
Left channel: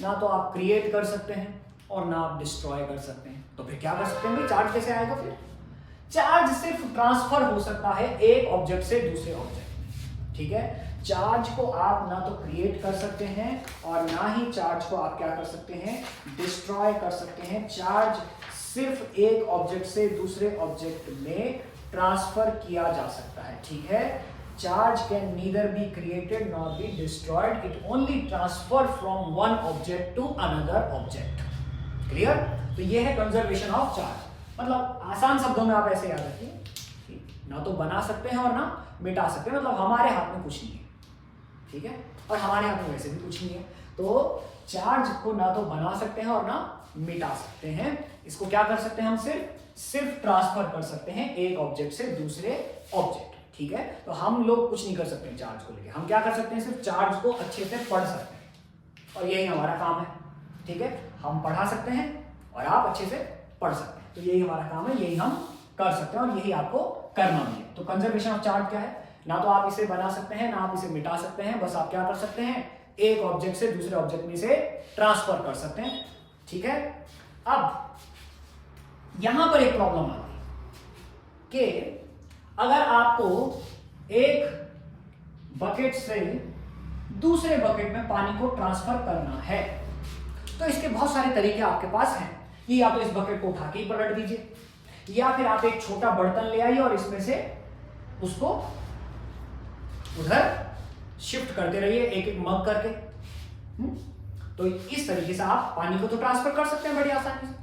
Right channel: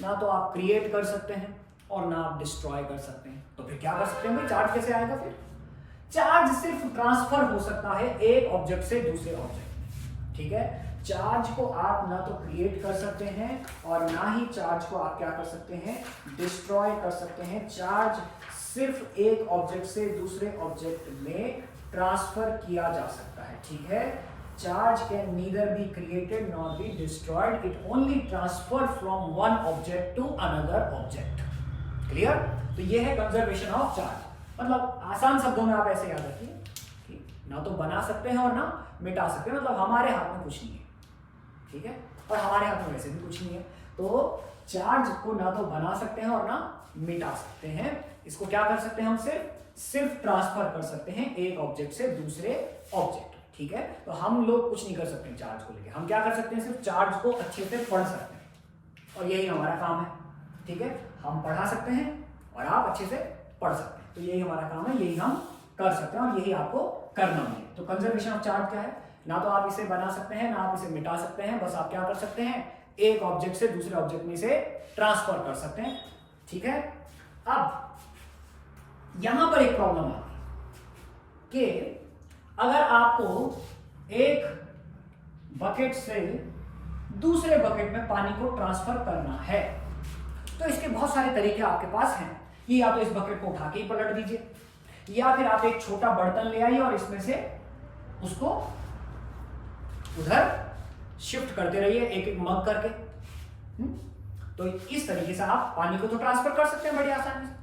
ना तो आप क्रिएट कर सकते हैं और ना आप डिस्ट्रॉय कर सकते हैं। तो फिर क्या कर सकते हैं, चार्ज कैसे आएगा? फिर चार्ज सिर्फ ट्रांसफर हो सकता है एक ऑब्जेक्ट से दूसरे ऑब्जेक्ट में। ठीक है, चार्ज को आप ना तो क्रिएट कर सकते हैं और ना ही चार्ज को आप क्या कर सकते हैं, डिस्ट्रॉय कर सकते हैं। चार्ज सिर्फ एक ऑब्जेक्ट से दूसरे ऑब्जेक्ट में ट्रांसफर किया जा सकता है, ठीक है। Charge can neither be created nor be destroyed, it only transfer from one object to another object. Clear? तो ये है कंजर्वेशन ऑफ चार्ज। मतलब आसान शब्दों में आप ऐसे याद रखिए, ना तो बना सकते हैं और ना मिटा सकते हैं, मतलब हमारे हाथ में कुछ नहीं है, ठीक है, और हमारे हाथ में वैसे भी कुछ नहीं है। तो चार्ज को ना तो बना सकते हैं और ना मिटा सकते हैं, इसको क्या कर सकते हैं हम सिर्फ ट्रांसफर कर सकते हैं एक ऑब्जेक्ट से दूसरे ऑब्जेक्ट, ठीक है। तो हम लोग कुछ नहीं कर सकते हैं चार्ज को लेके, हम क्या कर सकते हैं, सिर्फ चार्ज को अच्छे से पढ़ सकते हैं, और यही हमारा काम है, ठीक है। हम पढ़ा सकते हैं और आप अच्छे से पढ़ सकते हैं, तो यही हमारा काम है, यही हम कर सकते हैं और यही आपको करना भी है। तो कंजर्वेशन ऑफ चार्ज क्या है, ना तो आप इसे बना सकते हैं ना आप इसे मिटा सकते हैं, बस आप क्या कर सकते हैं, एक ऑब्जेक्ट से दूसरे ऑब्जेक्ट में इसे ट्रांसफर कर सकते हैं, ठीक है। अब यहां पर एक प्रॉब्लम आती है कि अगर आपको एक बकेट से दूसरे बकेट में पानी को ट्रांसफर करना है, तो इसके बहुत सारे तरीके आपके पास हैं। कि या तो इस बकेट को उठा के ही पलट दीजिए, या फिर आप एक छोटा बर्तन ले आइए और इसमें से उसको उधर शिफ्ट करते रहिए एक एक मग करके। तो इस तरीके से आप पानी को तो ट्रांसफर कर सकते हैं बड़ी आसानी से।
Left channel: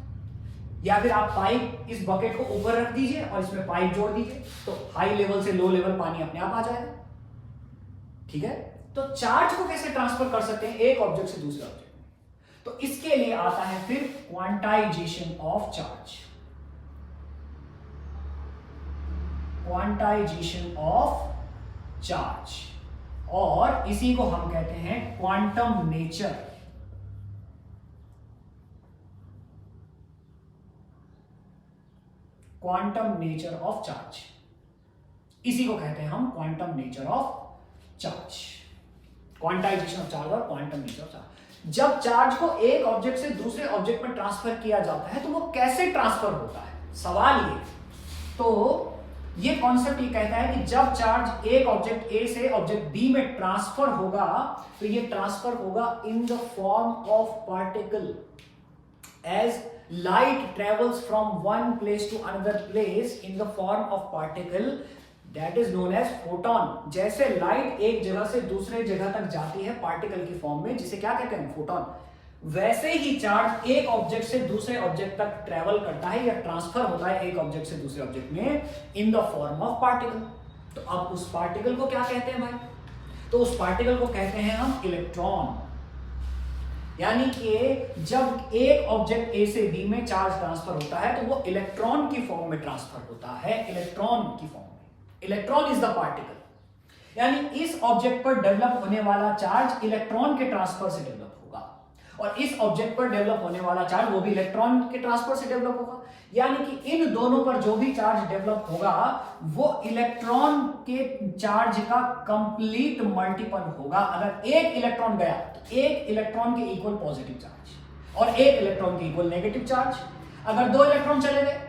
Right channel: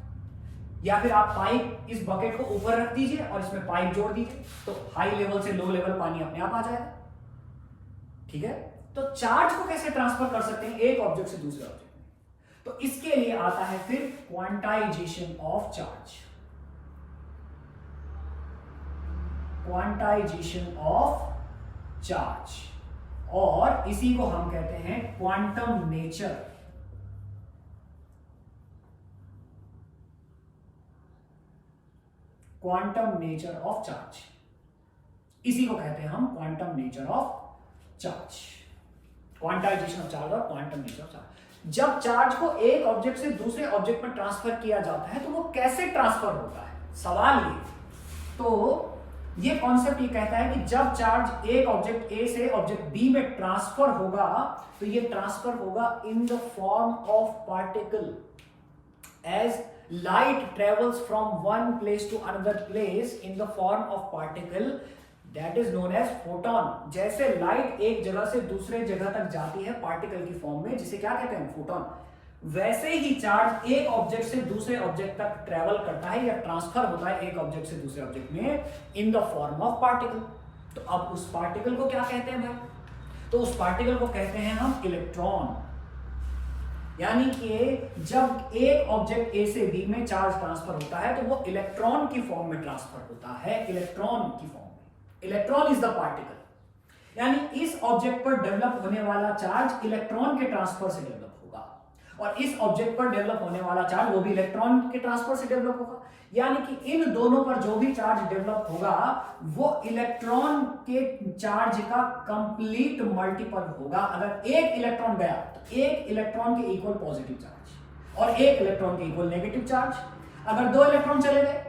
या फिर आप पाइप, इस बकेट को ऊपर रख दीजिए और इसमें पाइप जोड़ दीजिए, तो हाई लेवल से लो लेवल पानी अपने आप आ जाएगा, ठीक है। तो चार्ज को कैसे ट्रांसफर कर सकते हैं एक ऑब्जेक्ट से दूसरे ऑब्जेक्ट में, तो इसके लिए आता है फिर quantization of charge. Quantization of charge, और इसी को हम कहते हैं quantum nature. Quantum nature of charge, इसी को कहते हैं हम quantum nature of charge. Quantization of charge और क्वांटम नेचर ऑफ चार्ज। जब चार्ज को एक ऑब्जेक्ट से दूसरे ऑब्जेक्ट में ट्रांसफर किया जाता है तो वो कैसे ट्रांसफर होता है, सवाल ये। तो ये कॉन्सेप्ट ये कहता है कि जब चार्ज एक ऑब्जेक्ट ए से ऑब्जेक्ट बी में ट्रांसफर होगा, तो ये ट्रांसफर होगा in the form of particle. As light travels from one place to another place in the form of particle, that is known as photon। जैसे light एक जगह से दूसरे जगह तक जाती है पार्टिकल की फॉर्म में, जिसे क्या कहते हैं, फोटोन, वैसे ही चार्ज एक ऑब्जेक्ट से दूसरे ऑब्जेक्ट तक ट्रेवल करता है या ट्रांसफर होता है एक ऑब्जेक्ट से दूसरे ऑब्जेक्ट में इन द फॉर्म ऑफ पार्टिकल। तो अब उस पार्टिकल को क्या कहते हैं भाई, तो उस पार्टिकल को कहते हैं हम इलेक्ट्रॉन। यानी कि जब एक ऑब्जेक्ट ए से बी में चार्ज ट्रांसफर होता है तो वो इलेक्ट्रॉन की फॉर्म में ट्रांसफर होता है, इलेक्ट्रॉन की फॉर्म में। इलेक्ट्रॉन इज द पार्टिकल, यानी इस ऑब्जेक्ट पर डेवलप होने वाला चार्ज इलेक्ट्रॉन के ट्रांसफर से डेवलप होगा, और इस ऑब्जेक्ट पर डेवलप होने वाला चार्ज वो भी इलेक्ट्रॉन के ट्रांसफर से डेवलप होगा। यानी कि इन दोनों पर जो भी चार्ज डेवलप होगा वो इलेक्ट्रॉन के चार्ज का कंप्लीट मल्टीपल होगा। अगर एक इलेक्ट्रॉन गया तो एक इलेक्ट्रॉन के इक्वल पॉजिटिव चार्ज और एक इलेक्ट्रॉन के इक्वल नेगेटिव चार्ज। अगर दो इलेक्ट्रॉन चले गए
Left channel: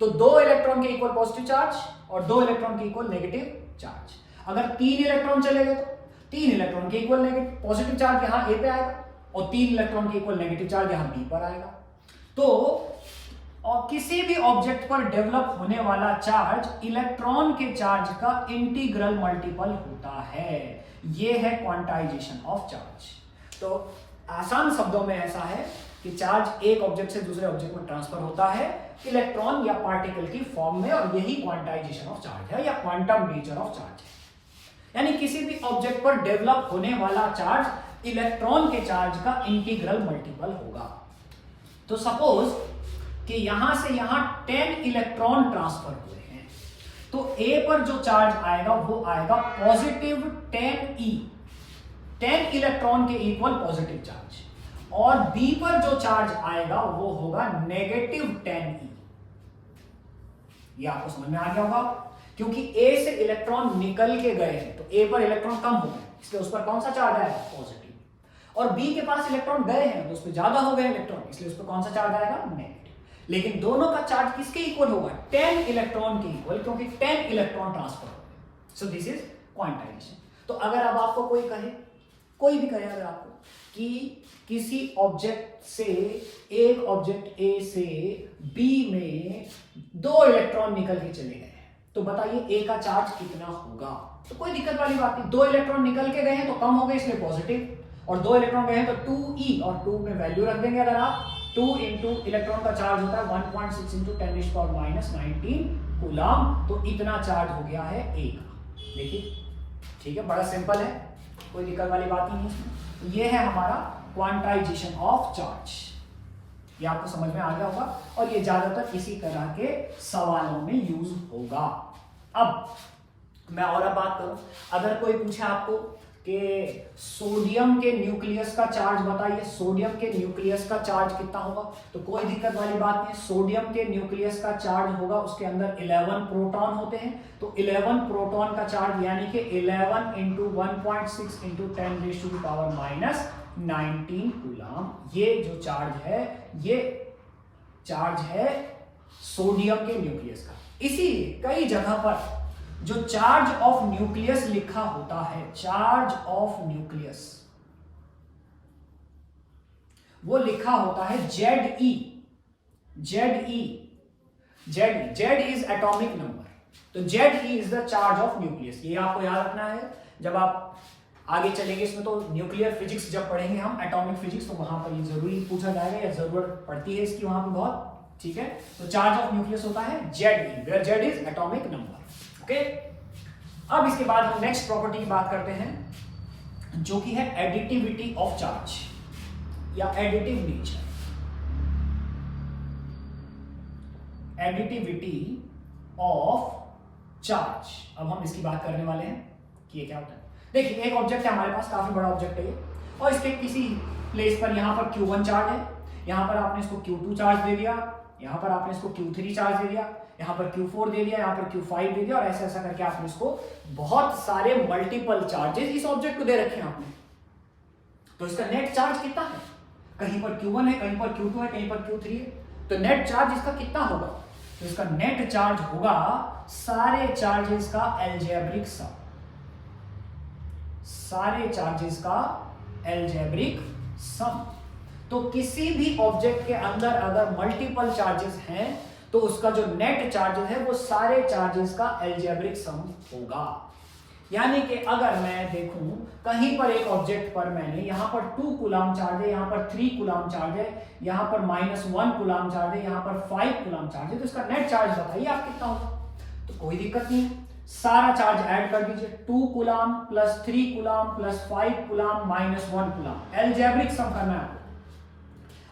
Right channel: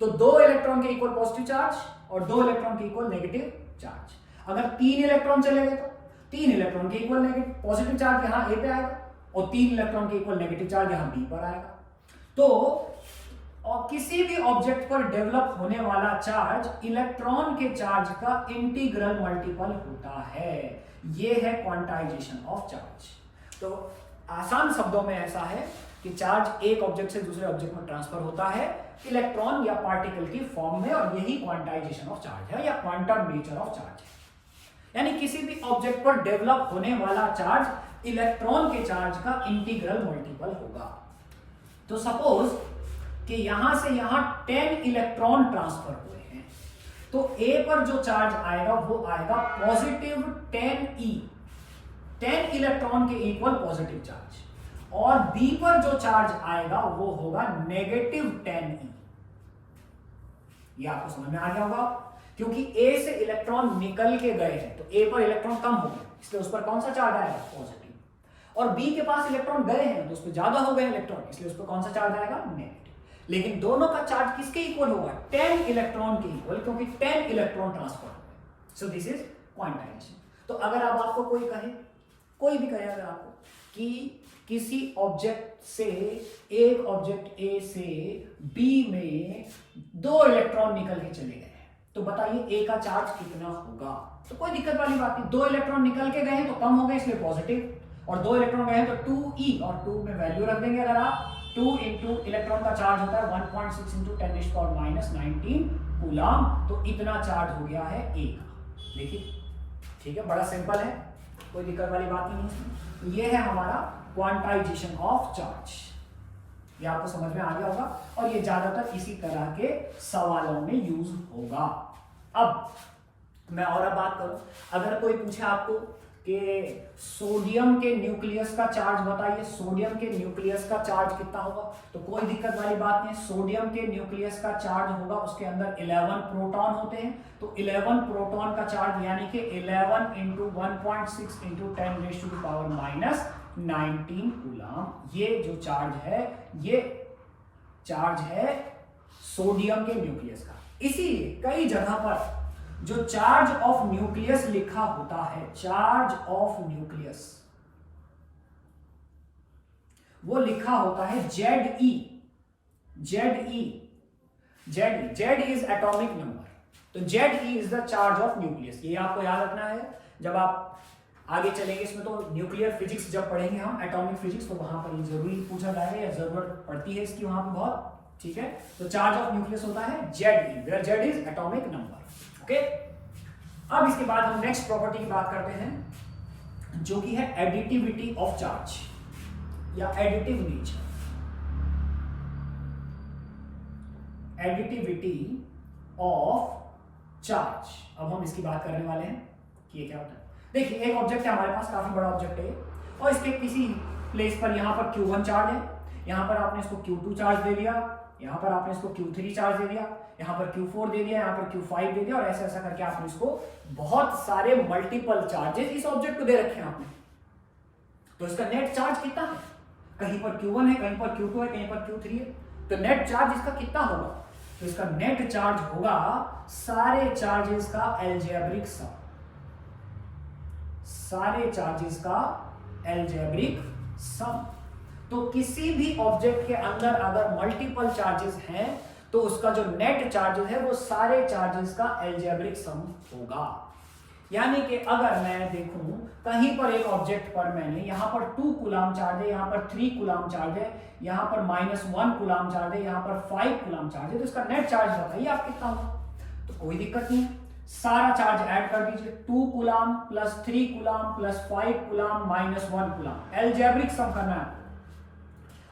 तो दो इलेक्ट्रॉन के इक्वल पॉजिटिव चार्ज और दो इलेक्ट्रॉन के इक्वल नेगेटिव चार्ज। अगर तीन इलेक्ट्रॉन चले गए तो तीन इलेक्ट्रॉन के इक्वल नेगेटिव पॉजिटिव चार्ज यहां ए पे आएगा और तीन इलेक्ट्रॉन के इक्वल नेगेटिव चार्ज यहां बी पर आएगा। तो और किसी भी ऑब्जेक्ट पर डेवलप होने वाला चार्ज इलेक्ट्रॉन के चार्ज का इंटीग्रल मल्टीपल होता है। यह है क्वांटाइजेशन ऑफ चार्ज। तो आसान शब्दों में ऐसा है कि चार्ज एक ऑब्जेक्ट से दूसरे ऑब्जेक्ट में ट्रांसफर होता है इलेक्ट्रॉन या पार्टिकल की फॉर्म में, और यही क्वांटाइजेशन ऑफ चार्ज है या क्वांटम नेचर ऑफ चार्ज है। यानी किसी भी ऑब्जेक्ट पर डेवलप होने वाला चार्ज इलेक्ट्रॉन के चार्ज का इंटीग्रल मल्टीपल होगा। तो सपोज कि यहां से यहां 10 इलेक्ट्रॉन ट्रांसफर हुए हैं, तो ए पर जो चार्ज आएगा वो आएगा पॉजिटिव 10e, 10 इलेक्ट्रॉन के इक्वल पॉजिटिव चार्ज, और बी पर जो चार्ज आएगा वो होगा नेगेटिव 10e। ये आपको समझ में आ गया होगा, क्योंकि ए से इलेक्ट्रॉन निकल के गए हैं तो ए पर इलेक्ट्रॉन कम हो गए, इसलिए उस पर कौन सा चार्ज आएगा, पॉजिटिव। और बी के पास इलेक्ट्रॉन गए हैं तो उस पर ज्यादा हो गए इलेक्ट्रॉन, इसलिए उस पर कौन सा चार्ज आएगा, नेगेटिव। लेकिन दोनों का चार्ज किसके इक्वल होगा, 10 इलेक्ट्रॉन के इक्वल, क्योंकि 10 इलेक्ट्रॉन ट्रांसफर हो गए। So this is quantization. तो अगर अब आपको कोई कहे, कोई भी कहे अगर आपको कि किसी ऑब्जेक्ट से, एक ऑब्जेक्ट ए से बी में 2 इलेक्ट्रॉन निकल के चले गए, तो बताइए ए का चार्ज कितना होगा। तो कोई दिक्कत वाली बात नहीं, 2 इलेक्ट्रॉन निकल के गए हैं तो कम हो गए इसलिए पॉजिटिव, और 2 इलेक्ट्रॉन गए हैं तो 2e, और 2 में वैल्यू रख देंगे अगर आप। 2 इंटू इलेक्ट्रॉन का चार्ज होता है 1.6 इंटू 10⁻⁻19 कूलम, तो इतना चार्ज हो गया है ए का। देखिए ठीक है, बड़ा सिंपल है, कोई दिक्कत वाली बात ही नहीं इसमें। ये है हमारा क्वांटाइजेशन ऑफ चार्ज, ये आपको समझ में आ गया होगा, और ये ज्यादातर इसी तरह के सवालों में यूज होगा। अब मैं और बात करूं, अगर कोई पूछे आपको कि सोडियम के न्यूक्लियस का चार्ज बताइए, सोडियम के न्यूक्लियस का चार्ज कितना होगा, तो कोई दिक्कत वाली बात नहीं है। सोडियम के न्यूक्लियस का चार्ज होगा, उसके अंदर 11 प्रोटॉन होते हैं, तो 11 प्रोटॉन का चार्ज यानी कि 11 इंटू 1.6 इंटू 10⁻⁻19 कूलम, ये जो चार्ज है ये चार्ज है सोडियम के न्यूक्लियस का। इसीलिए कई जगह पर जो चार्ज ऑफ न्यूक्लियस लिखा होता है, चार्ज ऑफ न्यूक्लियस, वो लिखा होता है ZE। Z is atomic number, तो ZE is the charge of nucleus. ये आपको याद रखना है, जब आप आगे चलेंगे इसमें तो न्यूक्लियर फिजिक्स जब पढ़ेंगे हम, एटॉमिक फिजिक्स, तो वहां पर ये जरूरी पूछा जाएगा या जरूरत पड़ती है इसकी वहां पर बहुत, ठीक है। तो चार्ज ऑफ न्यूक्लियस होता है ZE, where Z is atomic number. Okay, अब इसके बाद हम नेक्स्ट प्रॉपर्टी की बात करते हैं, जो कि है एडिटिविटी ऑफ चार्ज या additive nature. Additivity of charge, अब हम इसकी बात करने वाले हैं कि ये क्या होता है। देखिए एक ऑब्जेक्ट है हमारे पास, काफी बड़ा ऑब्जेक्ट है, और इसके किसी प्लेस पर यहां पर Q1 चार्ज है, यहां पर आपने इसको Q2 चार्ज दे दिया, यहां पर आपने इसको Q3 चार्ज दे दिया, यहां पर Q4 दे दिया, यहां पर Q5 दे दिया, और ऐसा ऐसा करके आपने इसको बहुत सारे मल्टीपल चार्जेस इस ऑब्जेक्ट को दे रखे हैं आपने। तो इसका नेट चार्ज कितना है, कहीं पर Q1 है, कहीं पर Q2 है, कहीं पर Q3 है, तो नेट चार्ज इसका कितना होगा, तो इसका नेट चार्ज होगा सारे चार्जेस का अलजेब्रिक सम, सारे चार्जेस का अलजेब्रिक सम। तो किसी भी ऑब्जेक्ट के अंदर अगर मल्टीपल चार्जेस हैं तो उसका जो नेट चार्जेस है वो सारे चार्जेस का अलजेब्रिक सम होगा। यानी कि अगर मैं देखूं कहीं पर एक ऑब्जेक्ट पर मैंने यहां पर 2 कूलम चार्ज है, यहां पर 3 कूलम चार्ज है, यहां पर -1 कूलम चार्ज है, यहां पर 5 कूलम चार्ज है, तो इसका नेट चार्ज बताइए आप कितना होगा। तो कोई दिक्कत नहीं है, सारा चार्ज ऐड कर दीजिए, 2 coulomb plus 3 coulomb plus 5 coulomb -1 coulomb, algebraic sum करना है।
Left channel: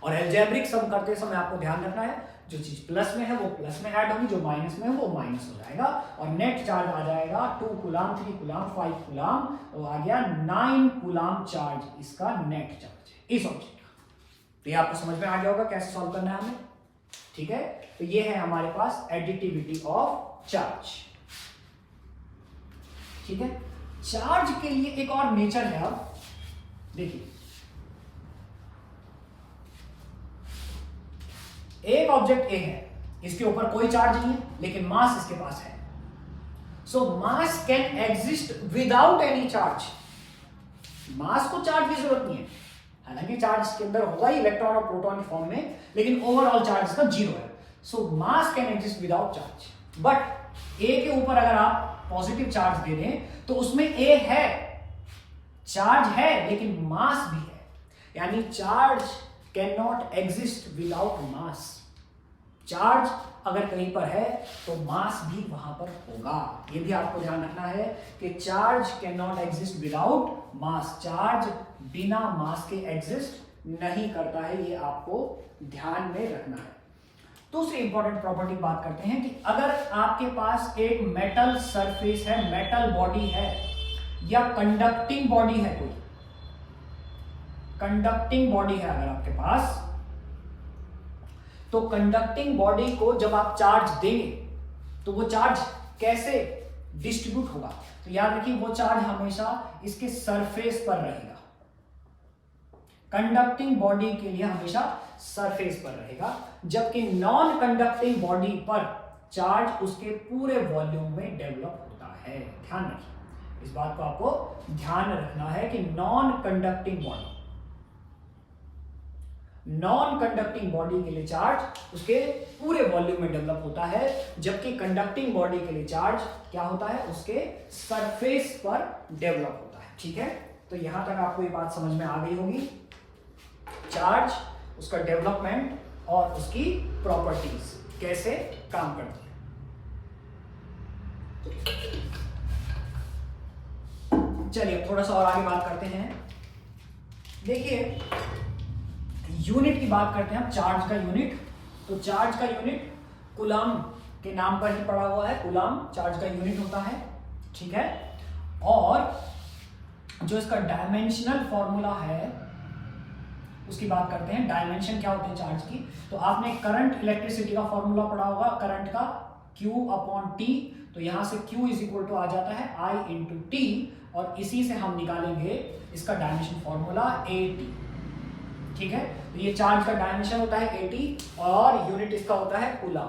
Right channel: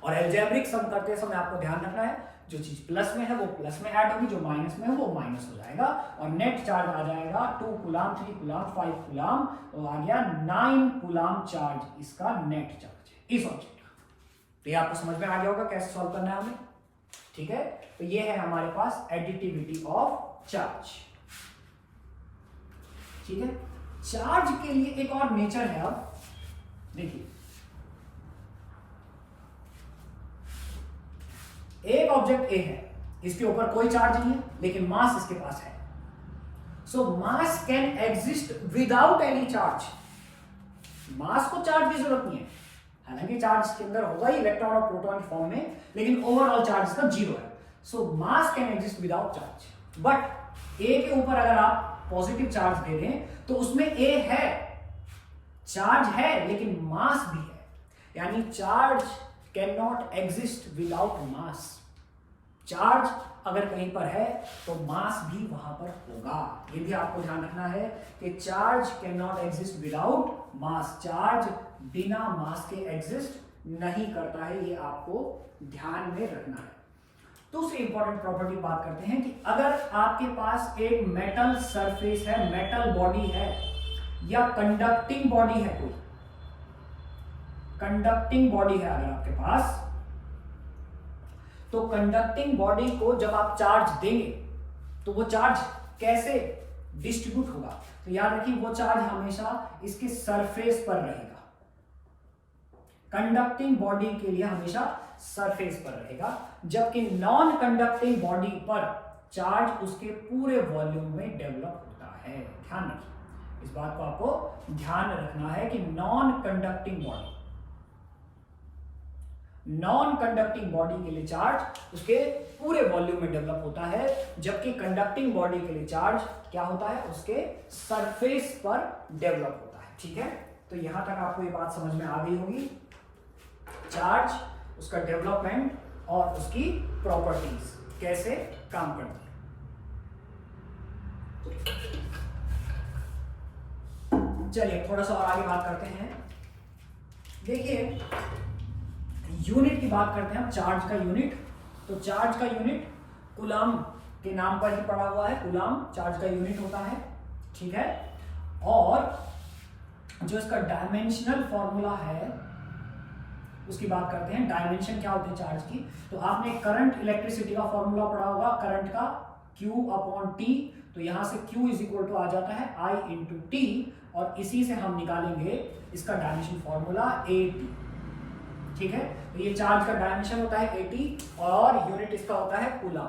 और अलजेब्रिक सम करते समय आपको ध्यान रखना है, जो चीज प्लस में है वो प्लस में ऐड होगी, जो माइनस में है वो माइनस हो जाएगा, और नेट चार्ज आ जाएगा 2 कूलम 3 कूलम 5 कूलम, तो आ गया 9 कूलम चार्ज इसका नेट चार्ज है इस ऑब्जेक्ट का। तो ये आपको समझ में आ गया होगा कैसे सॉल्व करना है हमें, ठीक है। तो ये है हमारे पास एडिटिविटी ऑफ चार्ज, ठीक है। चार्ज के लिए एक और नेचर है, अब देखिए एक ऑब्जेक्ट ए है, इसके ऊपर कोई चार्ज नहीं है लेकिन मास इसके पास है, so mass can exist without any charge. Mass को चार्ज की जरूरत नहीं है, हालांकि चार्ज के अंदर होगा ही इलेक्ट्रॉन और प्रोटॉन की फॉर्म में, लेकिन ओवरऑल चार्ज इसका 0 है, so mass can exist without charge. But A के ऊपर अगर आप पॉजिटिव चार्ज दे दें तो उसमें ए है, चार्ज है लेकिन मास भी है, यानी charge can not exist without mass. Charge अगर कहीं पर है तो मास भी वहां पर होगा, ये भी आपको ध्यान रखना है कि charge can not exist without mass, charge बिना मास के एग्जिस्ट नहीं करता है, ये आपको ध्यान में रखना है। दूसरी इंपॉर्टेंट प्रॉपर्टी बात करते हैं कि अगर आपके पास एक मेटल सरफेस है, मेटल बॉडी है, या कंडक्टिंग बॉडी है, कोई कंडक्टिंग बॉडी है अगर आपके पास, तो कंडक्टिंग बॉडी को जब आप चार्ज देंगे तो वो चार्ज कैसे डिस्ट्रीब्यूट होगा, तो याद रखिए वो चार्ज हमेशा इसके सरफेस पर रहेगा, कंडक्टिंग बॉडी के लिए हमेशा सरफेस पर रहेगा, जबकि नॉन कंडक्टिंग बॉडी पर चार्ज उसके पूरे वॉल्यूम में डेवलप होता है। ध्यान रखिए, इस बात को आपको ध्यान रखना है कि non conducting body non conducting body के लिए चार्ज उसके पूरे वॉल्यूम में डेवलप होता है, जबकि कंडक्टिंग बॉडी के लिए चार्ज क्या होता है, उसके सरफेस पर डेवलप होता है। ठीक है, तो यहां तक आपको ये बात समझ में आ गई होगी, चार्ज, उसका डेवलपमेंट और उसकी प्रॉपर्टीज कैसे काम करती है। चलिए थोड़ा सा और आगे बात करते हैं। देखिए यूनिट की बात करते हैं हम, चार्ज का यूनिट। तो चार्ज का यूनिट कूलम के नाम पर ही पड़ा हुआ है, कूलम चार्ज का यूनिट होता है। ठीक है, और जो इसका डायमेंशनल फॉर्मूला है उसकी बात करते हैं। डायमेंशन क्या होते हैं चार्ज की, तो आपने करंट इलेक्ट्रिसिटी का फॉर्मूला पढ़ा होगा, करंट का Q अपॉन T। तो यहां से Q इज इक्वल टू आ जाता है I इंटू टी, और इसी से हम निकालेंगे इसका डायमेंशन फॉर्मूला AT। ठीक है, तो ये चार्ज का डायमेंशन होता है AT और यूनिट इसका होता है कूलम।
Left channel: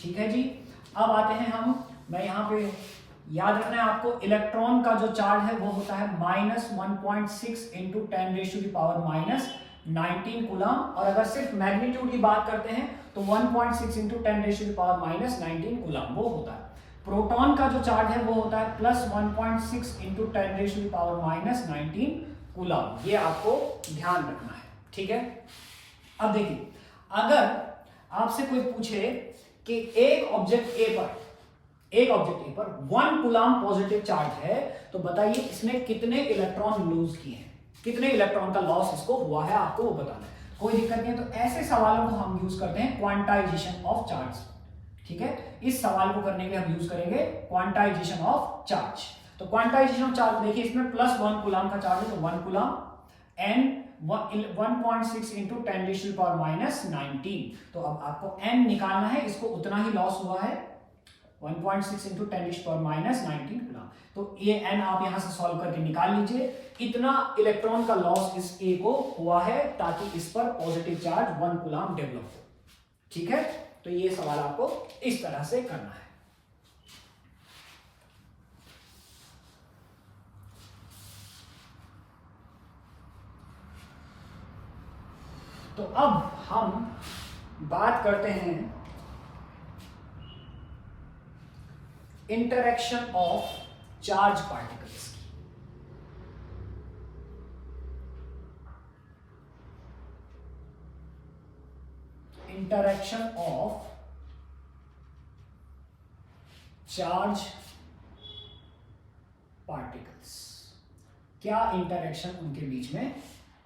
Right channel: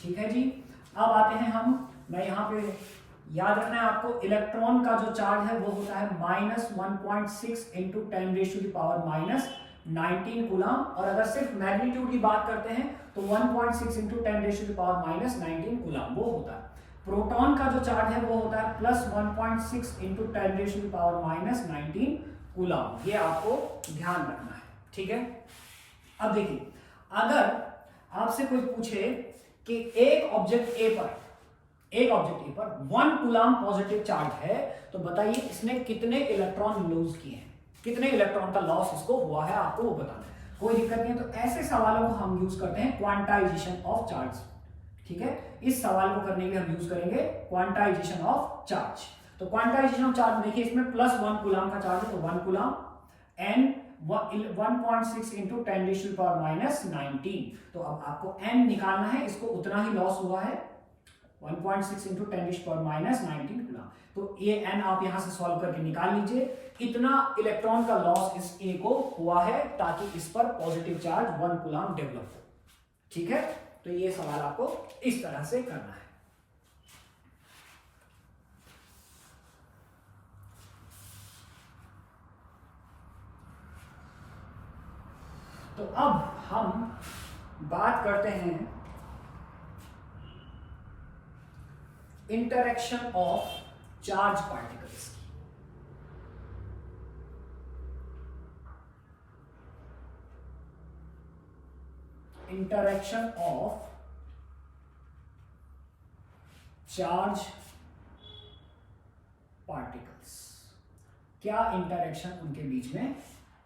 ठीक है जी, अब आते हैं हम, मैं यहाँ पे याद रखना है आपको, इलेक्ट्रॉन का जो चार्ज है वो होता है -1.6 इंटू 10⁻⁻19 कूलम, और अगर सिर्फ मैग्नीट्यूड की बात करते हैं तो 1.6 इंटू 10⁻⁻19 कूलम वो होता है। प्रोटॉन का जो चार्ज है वो होता है +1.6 इंटू 10⁻⁻19 कूलम, ये आपको ध्यान रखना है। ठीक है, अब देखिए अगर आपसे कोई पूछे कि एक ऑब्जेक्ट ए पर 1 कूलम पॉजिटिव चार्ज है, तो बताइए इसने कितने इलेक्ट्रॉन लूज किए हैं, कितने इलेक्ट्रॉन का लॉस इसको हुआ है, आपको वो बताना है। कोई दिक्कत नहीं है, तो ऐसे सवालों को हम यूज करते हैं क्वांटाइजेशन ऑफ चार्ज। ठीक है, इस सवाल को करने के लिए हम यूज करेंगे क्वांटाइजेशन ऑफ चार्ज। तो क्वांटाइजेशन ऑफ चार्ज देखिए, इसमें +1 कूलम का चार्ज है, तो 1 कूलम एन 1.6 इंटू 10⁻⁻19। तो अब आपको n निकालना है, इसको उतना ही लॉस हुआ है 1.6 इंटू 10⁻⁻19 कूलम। तो ये n आप यहां से सॉल्व करके निकाल लीजिए, इतना इलेक्ट्रॉन का लॉस इस A को हुआ है ताकि इस पर पॉजिटिव चार्ज 1 कूलम डेवलप हो। ठीक है, तो ये सवाल आपको इस तरह से करना है। तो अब हम बात करते हैं इंटरेक्शन ऑफ चार्ज पार्टिकल्स की। इंटरेक्शन ऑफ चार्ज पार्टिकल्स, क्या इंटरेक्शन उनके बीच में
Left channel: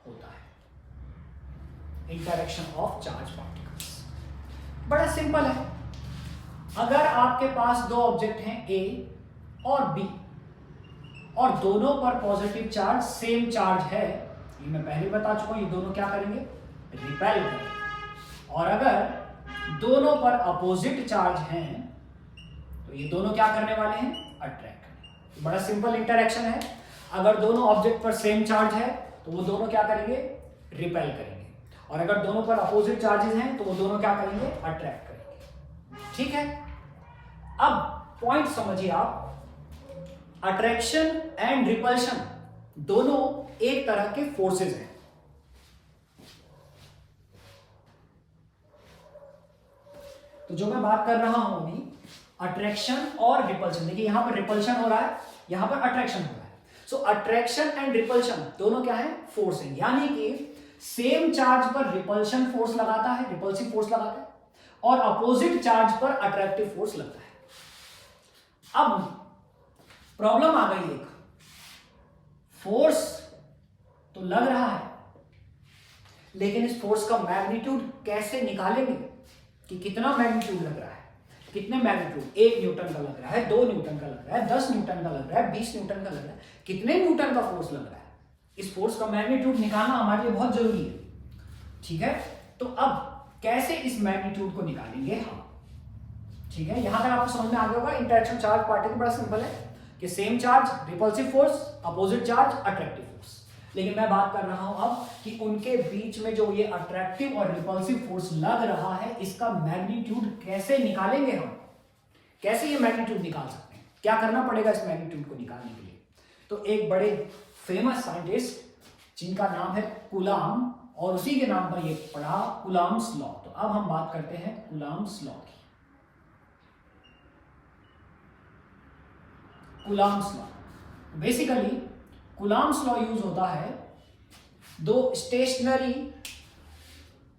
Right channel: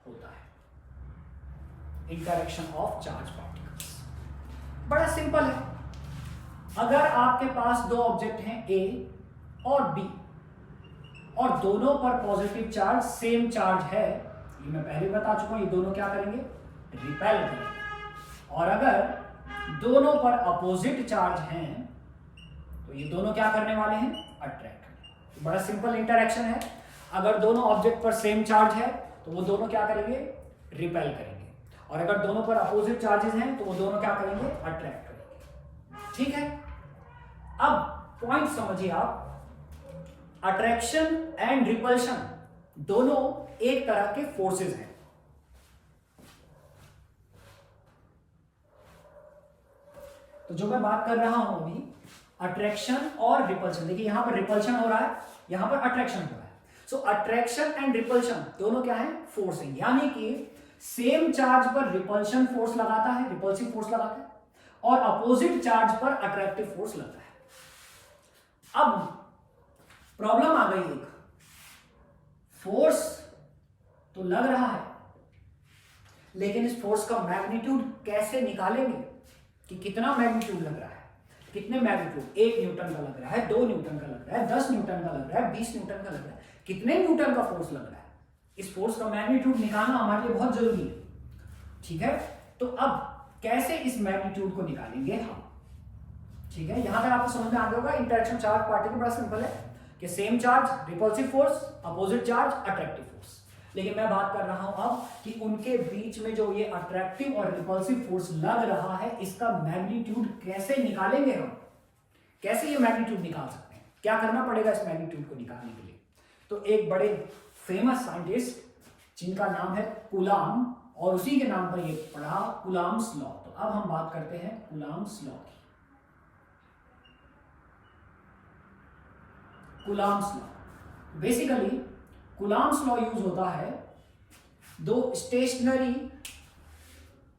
होता है। इंटरेक्शन ऑफ चार्ज पार्टिकल्स बड़ा सिंपल है। अगर आपके पास दो ऑब्जेक्ट हैं A और B और दोनों पर पॉजिटिव चार्ज सेम चार्ज है, ये मैं पहले बता चुका हूं, ये दोनों क्या करेंगे, रिपेल करेंगे। और अगर दोनों पर अपोजिट चार्ज हैं तो ये दोनों क्या करने वाले हैं, अट्रैक्ट करेंगे। तो बड़ा सिंपल इंटरेक्शन है। अगर दोनों ऑब्जेक्ट पर सेम चार्ज है तो वो दोनों क्या करेंगे, रिपेल करेंगे, और अगर दोनों पर अपोजिट चार्जेस हैं तो वो दोनों क्या करेंगे, अट्रैक्ट करेंगे। ठीक है, अब पॉइंट समझिए आप, अट्रैक्शन एंड रिपल्शन दोनों एक तरह के फोर्सेस हैं। तो जो मैं बात कर रहा हूं अभी, अट्रैक्शन और रिपल्शन, देखिए यहां पर रिपल्शन हो रहा है, यहां पर अट्रैक्शन हो रहा है। सो अट्रैक्शन एंड रिपल्शन दोनों क्या है, फोर्स है। यानी कि सेम चार्ज पर रिपल्शन फोर्स लगाता है, रिपल्सिव फोर्स लगाता है, और अपोजिट चार्ज पर अट्रैक्टिव फोर्स लगता है। अब प्रॉब्लम आ गई, एक फोर्स तो लग रहा है, लेकिन इस फोर्स का मैग्नीट्यूड कैसे निकालेंगे कि कितना मैग्नीट्यूड लग रहा है, कितने मैग्नीट्यूड, 1 न्यूटन का लग रहा है, 2 न्यूटन का लग रहा है, 10 न्यूटन का लग रहा है, 20 न्यूटन का लग रहा है, कितने न्यूटन का फोर्स लग रहा है, इस फोर्स का मैग्नीट्यूड निकालना हमारे लिए बहुत जरूरी है। ठीक है, तो अब कैसे इस मैग्नीट्यूड को निकालेंगे हम। ठीक है, यहां तक आपको समझ में आ गया होगा। इंटरेक्शन चार्ज पार्टिकल बड़ा सिंपल है कि same charge repulsive force, opposite charge attractive force. लेकिन मैं बात कर रहा हूं अब कि उनके बीच में जो ये अट्रैक्टिव और रिपल्सिव फोर्स लग रहा है, इसका मैग्नीट्यूड कैसे निकालेंगे हम, कैसे ये मैग्नीट्यूड निकाल सकते हैं, क्या करना पड़ेगा इस मैग्नीट्यूड को निकालने के लिए। तो एक बड़े फेमस साइंटिस्ट जिनका नाम है कूलम और उसी के नाम पर ये पढ़ा कूलम्ब्स लॉ। तो अब हम बात करते हैं कूलम्ब्स लॉ की। Coulomb's law, basically Coulomb's law use होता है दो स्टेशनरी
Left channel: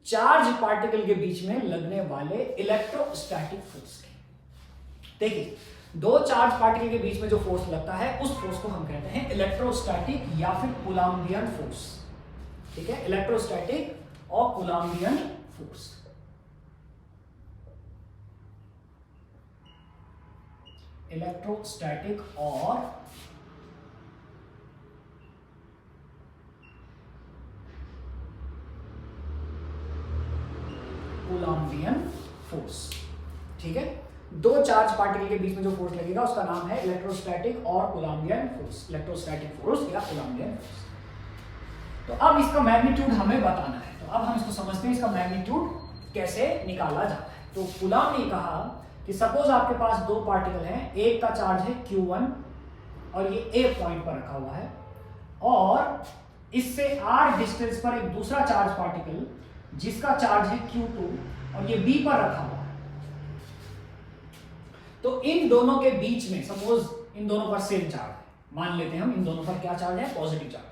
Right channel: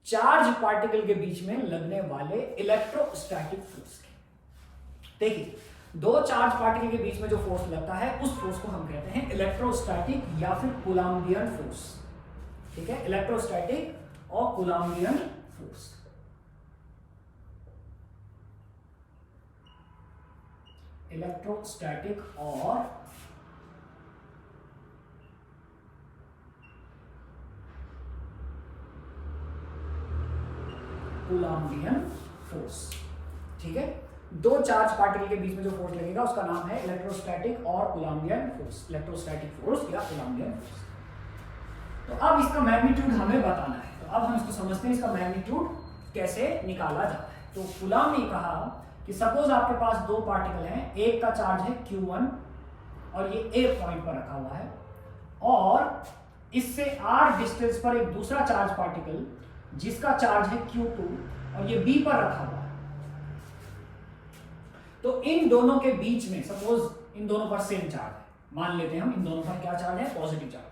चार्ज पार्टिकल के बीच में लगने वाले इलेक्ट्रोस्टैटिक फोर्स के। देखिए, दो चार्ज पार्टिकल के बीच में जो फोर्स लगता है उस फोर्स को हम कहते हैं इलेक्ट्रोस्टैटिक या फिर कूलम्बियन फोर्स। ठीक है, इलेक्ट्रोस्टैटिक और कूलम्बियन फोर्स। इलेक्ट्रोस्टैटिक और कूलम्बियन फोर्स। ठीक है, दो चार्ज पार्टिकल के बीच में जो फोर्स लगेगा उसका नाम है इलेक्ट्रोस्टैटिक और कूलम्बियन फोर्स, इलेक्ट्रोस्टैटिक फोर्स या कूलम्बियन फोर्स। तो अब इसका मैग्नीट्यूड हमें बताना है, तो अब हम इसको समझते हैं इसका मैग्नीट्यूड कैसे निकाला जाता है। तो कूलम्ब ने कहा कि सपोज आपके पास दो पार्टिकल हैं, एक का चार्ज है Q1 और ये A पॉइंट पर रखा हुआ है, और इससे R डिस्टेंस पर एक दूसरा चार्ज पार्टिकल जिसका चार्ज है Q2 और ये B पर रखा हुआ है। तो इन दोनों के बीच में सपोज इन दोनों पर सेम चार्ज है, मान लेते हैं हम इन दोनों पर क्या चार्ज है, पॉजिटिव चार्ज।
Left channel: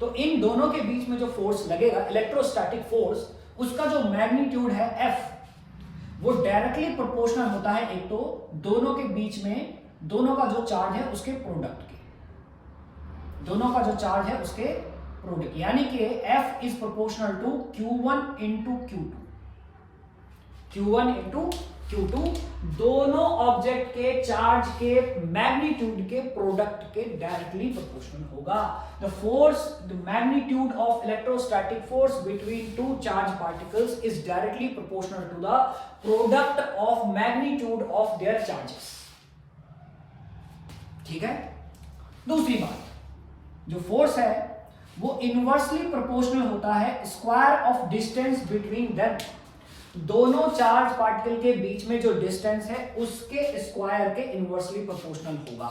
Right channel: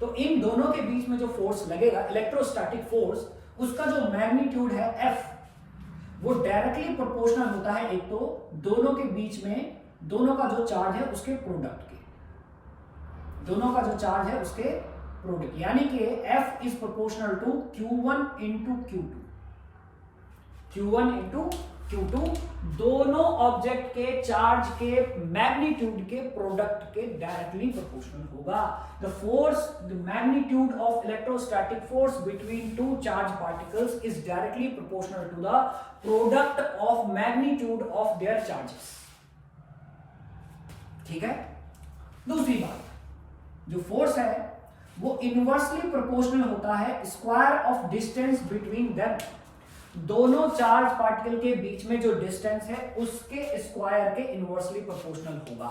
तो इन दोनों के बीच में जो फोर्स लगेगा इलेक्ट्रोस्टैटिक फोर्स, उसका जो मैग्नीट्यूड है F, वो डायरेक्टली प्रोपोर्शनल होता है एक तो दोनों के बीच में दोनों का जो चार्ज है उसके प्रोडक्ट के, दोनों का जो चार्ज है उसके प्रोडक्ट, यानी कि F is proportional to Q1 into Q2, Q1 into Q2, दोनों ऑब्जेक्ट के चार्ज के मैग्नीट्यूड के प्रोडक्ट के डायरेक्टली प्रोपोर्शनल होगा। The force, the magnitude of electrostatic force between two charge particles is directly proportional to the product of magnitude of their charges. ठीक है, दूसरी बात, जो फोर्स है वो इनवर्सली प्रोपोर्शनल होता है square of distance between them. दोनों चार्ज पार्टिकल के बीच में जो डिस्टेंस है उसके स्क्वायर के इनवर्सली प्रोपोर्शनल होगा।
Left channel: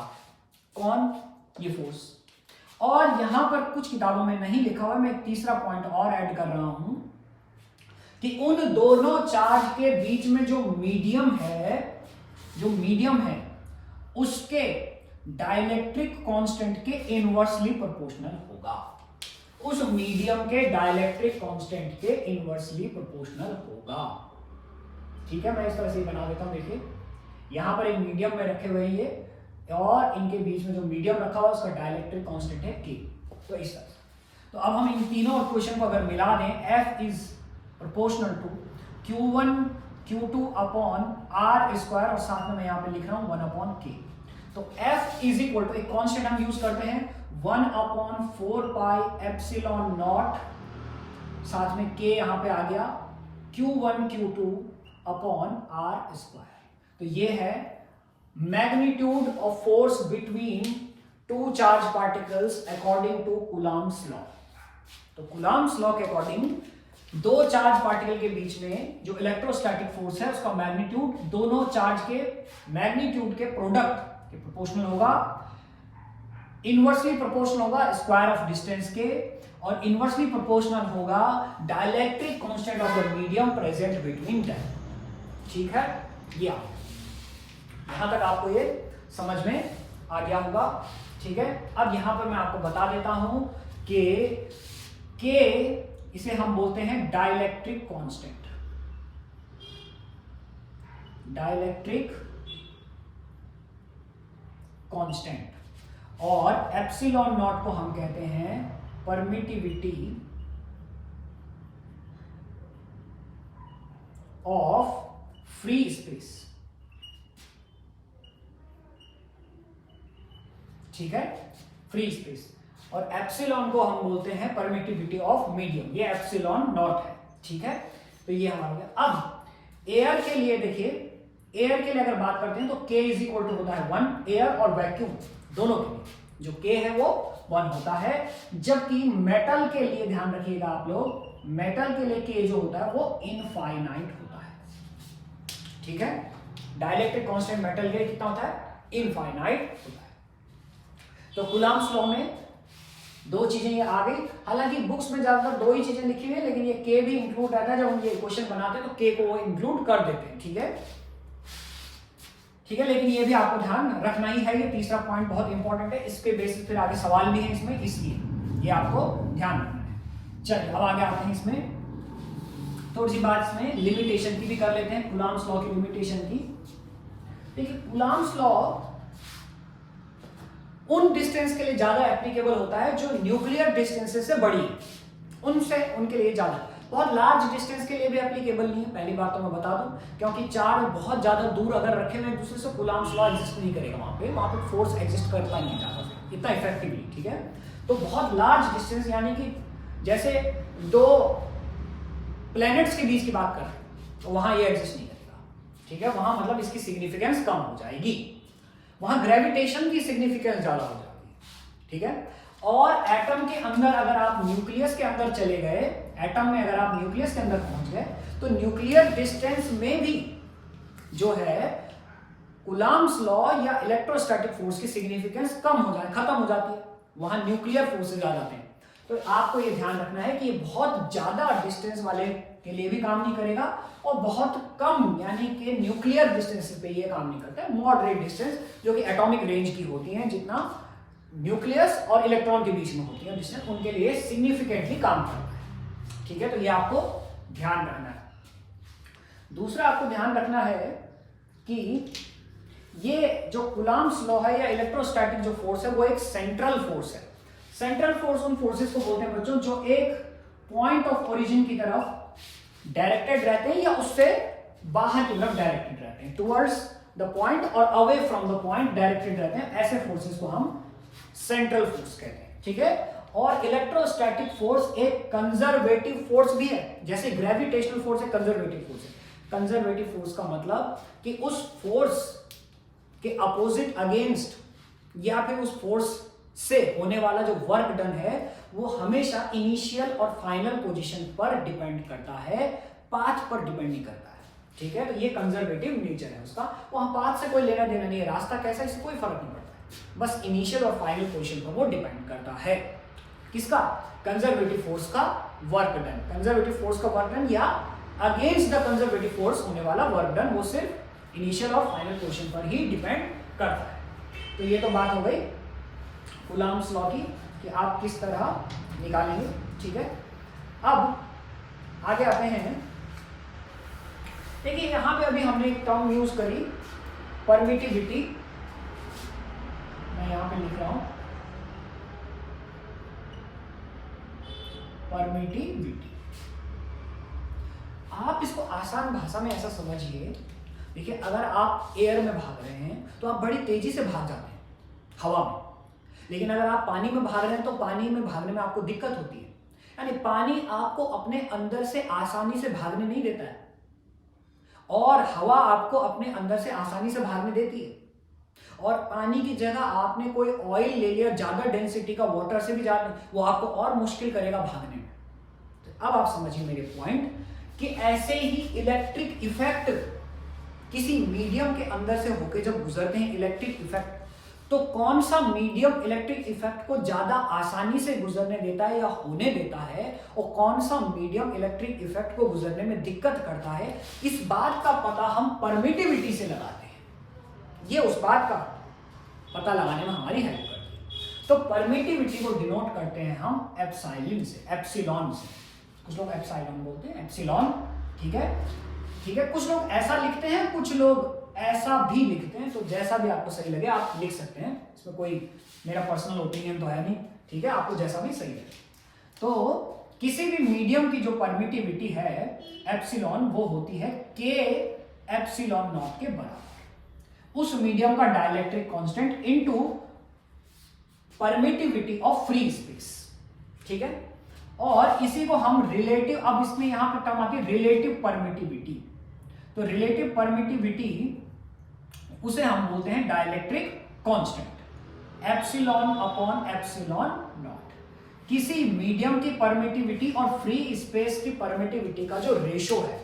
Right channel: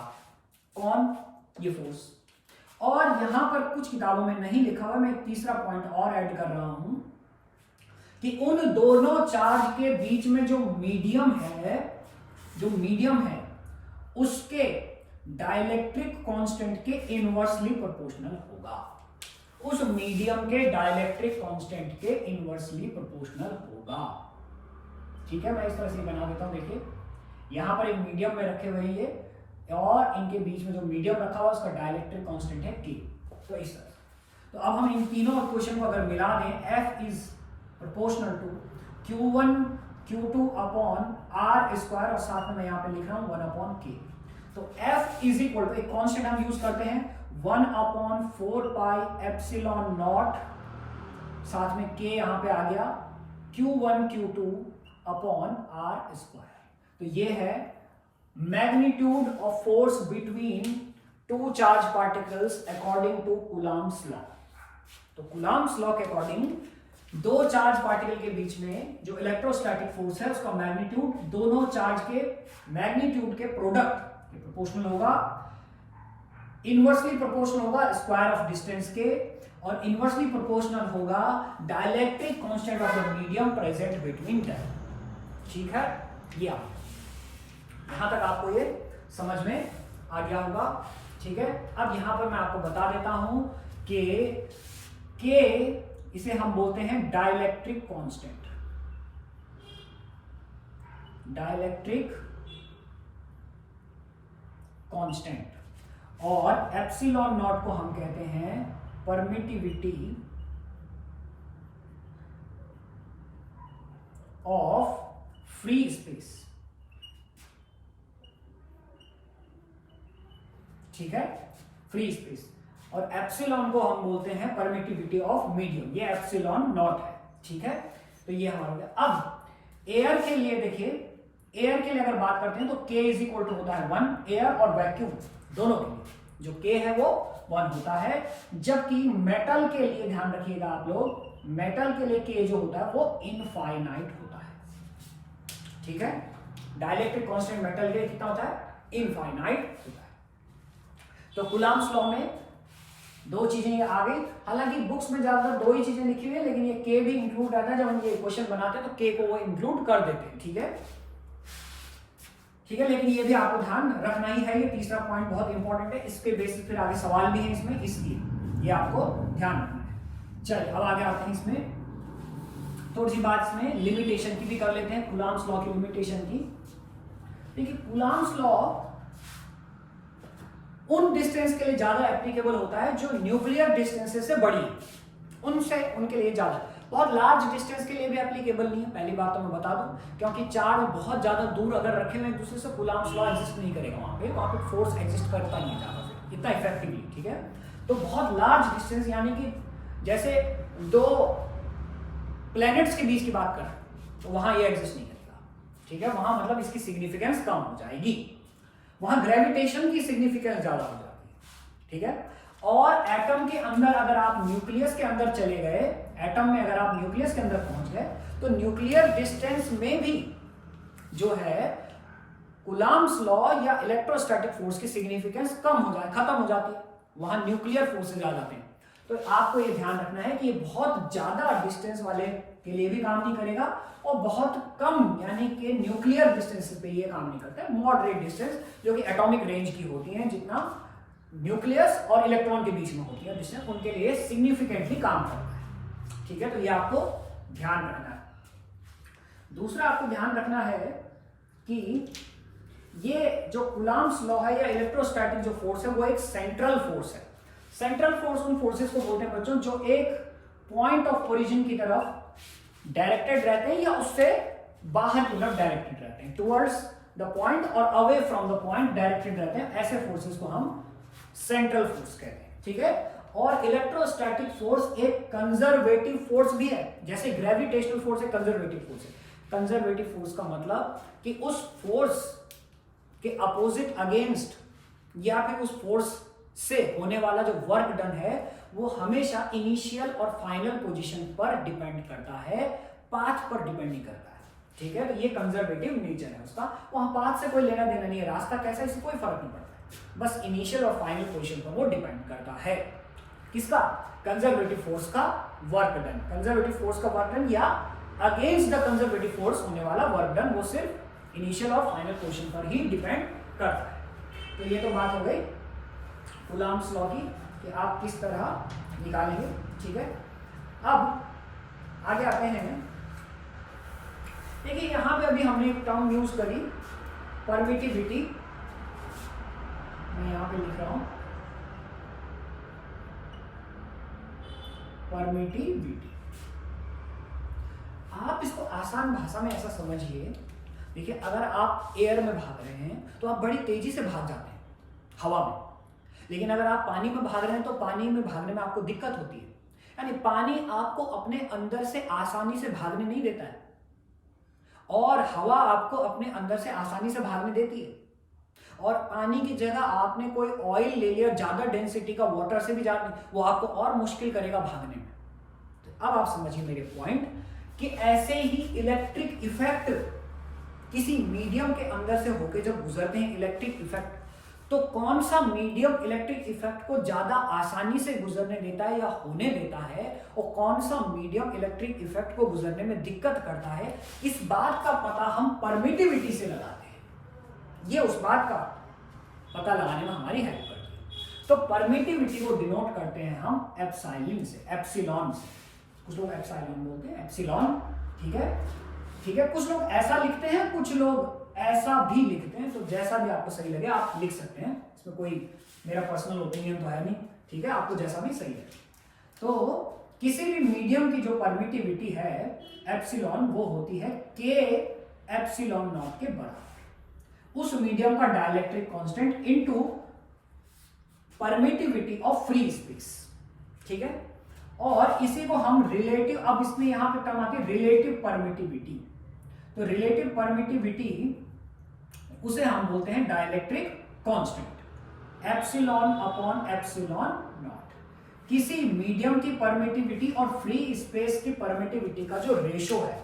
कौन? ये फोर्स। और यहां पर कुछ किताबों में नहीं लिखा हुआ, मैं एक तीसरा पॉइंट और ऐड कर रहा हूं कि उन दोनों चार्ज के बीच में जो मीडियम है उसके डाइलेक्ट्रिक कांस्टेंट के इनवर्सली प्रोपोर्शनल होगा, उस मीडियम के डाइलेक्ट्रिक कांस्टेंट के इनवर्सली प्रोपोर्शनल होगा। ठीक है, मैं इस तरह से बना देता हूं। देखिए, यहां पर एक मीडियम में रखे हुए ये, और इनके बीच में जो मीडियम रखा हुआ उसका डाइलेक्ट्रिक कांस्टेंट है K। तो इस तरह से, तो अब हम इन तीनों इक्वेशन को अगर मिला दें, F is proportional to Q1 Q2 upon R square, और साथ में मैं यहां पे लिख रहा हूं 1 अपॉन K। तो F इज इक्वल टू, एक कांस्टेंट हम यूज करते हैं 1 अपॉन 4 पाई एप्सिलॉन नॉट, साथ में K यहां पे आ गया, Q1 Q2 upon R square. तो ये है magnitude of force between two charge particles according to Coulomb's law. तो कूलम्ब्स लॉ के अकॉर्डिंग दो चार्ज पार्टिकल के बीच में जो इलेक्ट्रोस्टैटिक फोर्स है उसका मैग्नीट्यूड दोनों चार्ज के मैग्नीट्यूड के प्रोडक्ट के प्रोपोर्शनल होगा, इनवर्सली प्रोपोर्शनल होगा स्क्वायर ऑफ डिस्टेंस के, और इनवर्सली प्रोपोर्शनल होगा dielectric constant of the medium present between them. ठीक है, ये यहां तक आपको ये समझ में आ गया होगा। ठीक है, अब यहां पर मैं आपको बता देता हूं कि K इसे हम बोलते हैं डाइलेक्ट्रिक कांस्टेंट, डाइलेक्ट्रिक कांस्टेंट, और एप्सिलॉन नॉट को हम कहते हैं परमिटिविटी ऑफ फ्री स्पेस। ठीक है, फ्री स्पेस, और एप्सिलॉन को हम बोलते हैं परमिटिविटी ऑफ मीडियम, ये एप्सिलॉन नॉट है। ठीक है, तो ये हमारा हो गया। अब एयर के लिए देखिए, एयर के लिए अगर बात करते हैं तो K इज इक्वल टू होता है 1, एयर और वैक्यूम दोनों के लिए जो K है वो 1 होता है, जबकि मेटल के लिए ध्यान रखिएगा आप लोग, मेटल के लिए K जो होता है वो इनफाइनाइट होता है। ठीक है, डाइलेक्ट्रिक कांस्टेंट मेटल के लिए कितना होता है? इनफाइनाइट होता है। तो कूलम्ब्स लॉ में दो चीजें ये आ गई। हालांकि बुक्स में ज्यादातर दो ही चीजें लिखी हुई है, लेकिन ये के भी इंक्लूड रहता है। जब हम ये क्वेश्चन बनाते हैं तो के को वो इंक्लूड कर देते हैं। ठीक है, ठीक है, लेकिन ये भी आपको ध्यान रखना ही है। ये तीसरा पॉइंट बहुत इंपॉर्टेंट है, इसके बेसिस फिर आगे सवाल भी है इसमें, इसलिए ये आपको ध्यान रखना है। चलिए अब आगे आते हैं। इसमें थोड़ी सी बात इसमें लिमिटेशन की भी कर लेते हैं, कूलॉम्स लॉ की लिमिटेशन की। देखिए कूलॉम्स लॉ उन डिस्टेंस के लिए ज्यादा एप्लीकेबल होता है जो न्यूक्लियर डिस्टेंसेस से बड़ी है, उनके लिए ज्यादा। बहुत लार्ज डिस्टेंस के लिए भी एप्लीकेबल नहीं है, पहली बात तो मैं बता दूं, क्योंकि चार्ज बहुत ज्यादा दूर अगर रखे हुए एक दूसरे से, कूलॉम्स लॉ एग्जिस्ट नहीं करेगा वहां पे फोर्स एग्जिस्ट करता नहीं है ज्यादा इतना इफेक्टिवली। ठीक है, तो बहुत लार्ज डिस्टेंस यानी कि जैसे दो प्लैनेट्स के बीच की बात कर रहे हैं तो वहां ये एग्जिस्ट नहीं करेगा। ठीक है, वहां मतलब इसकी सिग्निफिकेंस कम हो जाएगी, वहां ग्रेविटेशन की सिग्निफिकेंस ज्यादा हो जाती है। ठीक है, और एटम के अंदर अगर आप न्यूक्लियस के अंदर चले गए, एटम में अगर आप न्यूक्लियस के अंदर पहुंच गए तो न्यूक्लियर डिस्टेंस में भी जो है कूलॉम्स लॉ या इलेक्ट्रोस्टैटिक फोर्स की सिग्निफिकेंस कम हो जाए, खत्म हो जाती है, वहां न्यूक्लियर फोर्सेज आ जाते हैं। तो आपको ये ध्यान रखना है कि ये बहुत ज्यादा डिस्टेंस वाले के लिए भी काम नहीं करेगा और बहुत कम यानी कि न्यूक्लियर डिस्टेंस पे ये काम नहीं करता है। मॉडरेट डिस्टेंस जो कि एटॉमिक रेंज की होती है, जितना न्यूक्लियस और इलेक्ट्रॉन के बीच में होती है डिस्टेंस, उनके लिए सिग्निफिकेंटली काम करता है। ठीक है, तो ये आपको ध्यान रखना है। दूसरा आपको ध्यान रखना है कि ये जो कूलॉम्स लॉ है या इलेक्ट्रोस्टैटिक जो फोर्स है वो एक सेंट्रल फोर्स है। सेंट्रल फोर्स उन फोर्सेस को बोलते हैं बच्चों जो एक पॉइंट ऑफ ओरिजिन की तरफ डायरेक्टेड रहते हैं या उससे बाहर की तरफ डायरेक्टेड रहते हैं, टुवर्ड्स द पॉइंट और away from the point directed रहते हैं। ऐसे फोर्सेस को हम सेंट्रल फोर्स कहते हैं। ठीक है, और इलेक्ट्रोस्टैटिक फोर्स एक कंजर्वेटिव फोर्स भी है, जैसे ग्रेविटेशनल फोर्स एक कंजर्वेटिव फोर्स है। कंजर्वेटिव फोर्स का मतलब कि उस फोर्स के अपोजिट अगेंस्ट या फिर उस फोर्स से होने वाला जो वर्क डन है वो हमेशा इनिशियल और फाइनल पोजीशन पर डिपेंड करता है, पाथ पर डिपेंड नहीं करता है। ठीक है, तो ये कंजर्वेटिव नेचर है उसका, वहां पाथ से कोई लेना देना नहीं है, रास्ता कैसा इससे कोई फर्क नहीं पड़ता है, बस इनिशियल और फाइनल पोजीशन पर वो डिपेंड करता है। किसका? कंजर्वेटिव फोर्स का वर्क डन। कंजर्वेटिव फोर्स का वर्क डन या अगेंस्ट द कंजर्वेटिव फोर्स होने वाला वर्क डन वो सिर्फ इनिशियल और फाइनल पोजीशन पर ही डिपेंड करता है। तो ये तो बात हो गई कूलॉम्स लॉ की कि आप किस तरह निकालेंगे। ठीक है, अब आगे आते हैं। देखिए यहां पे अभी हमने एक टर्म यूज करी परमिटिविटी, मैं यहां पे लिख रहा हूं परमिटिविटी। आप इसको आसान भाषा में ऐसा समझिए, देखिए अगर आप एयर में भाग रहे हैं तो आप बड़ी तेजी से भाग जाते हैं हवा में, लेकिन अगर आप पानी में भाग रहे हैं तो पानी में भागने में आपको दिक्कत होती है। यानी पानी आपको अपने अंदर से आसानी से भागने नहीं देता है और हवा आपको अपने अंदर से आसानी से भागने देती है। और पानी की जगह आपने कोई ऑयल ले लिया ज्यादा डेंसिटी का, वाटर से भी ज्यादा, वो आपको और मुश्किल करेगा भागने में। तो अब आप समझिए मेरे पॉइंट कि ऐसे ही इलेक्ट्रिक इफेक्ट किसी मीडियम के अंदर से होके जब गुजरते हैं इलेक्ट्रिक इफेक्ट, तो कौन सा मीडियम इलेक्ट्रिक इफेक्ट को ज्यादा आसानी से गुजरने देता है या होने देता है और कौन सा मीडियम इलेक्ट्रिक इफेक्ट को गुजरने में दिक्कत करता है, इस बात का पता हम परमिटिविटी से लगाते हैं। ये उस बात का पता लगाने में हमारी हेल्प करती है। तो परमिटिविटी को डिनोट करते हैं हम एप्सिलॉन से, एप्सिलॉन से। कुछ लोग एप्सिलॉन बोलते हैं, एप्सिलॉन। ठीक है, ठीक है, कुछ लोग ऐसा लिखते हैं, कुछ लोग ऐसा भी लिखते हैं, तो जैसा भी आपको सही लगे आप लिख सकते हैं, इसमें कोई मेरा पर्सनल ओपिनियन तो है नहीं। ठीक है, आपको जैसा भी सही लगे। तो किसी भी मीडियम की जो परमिटिविटी है एप्सिलॉन, वो होती है के एप्सिलॉन नॉट के बराबर, उस मीडियम का dielectric constant into permittivity of free space. ठीक है, और इसी को हम रिलेटिव, अब इसमें यहां पे टर्म आती है रिलेटिव परमिटिविटी। तो रिलेटिव परमिटिविटी उसे हम बोलते हैं dielectric constant, epsilon upon epsilon naught. किसी मीडियम की परमिटिविटी और फ्री स्पेस की परमिटिविटी का जो रेशो है,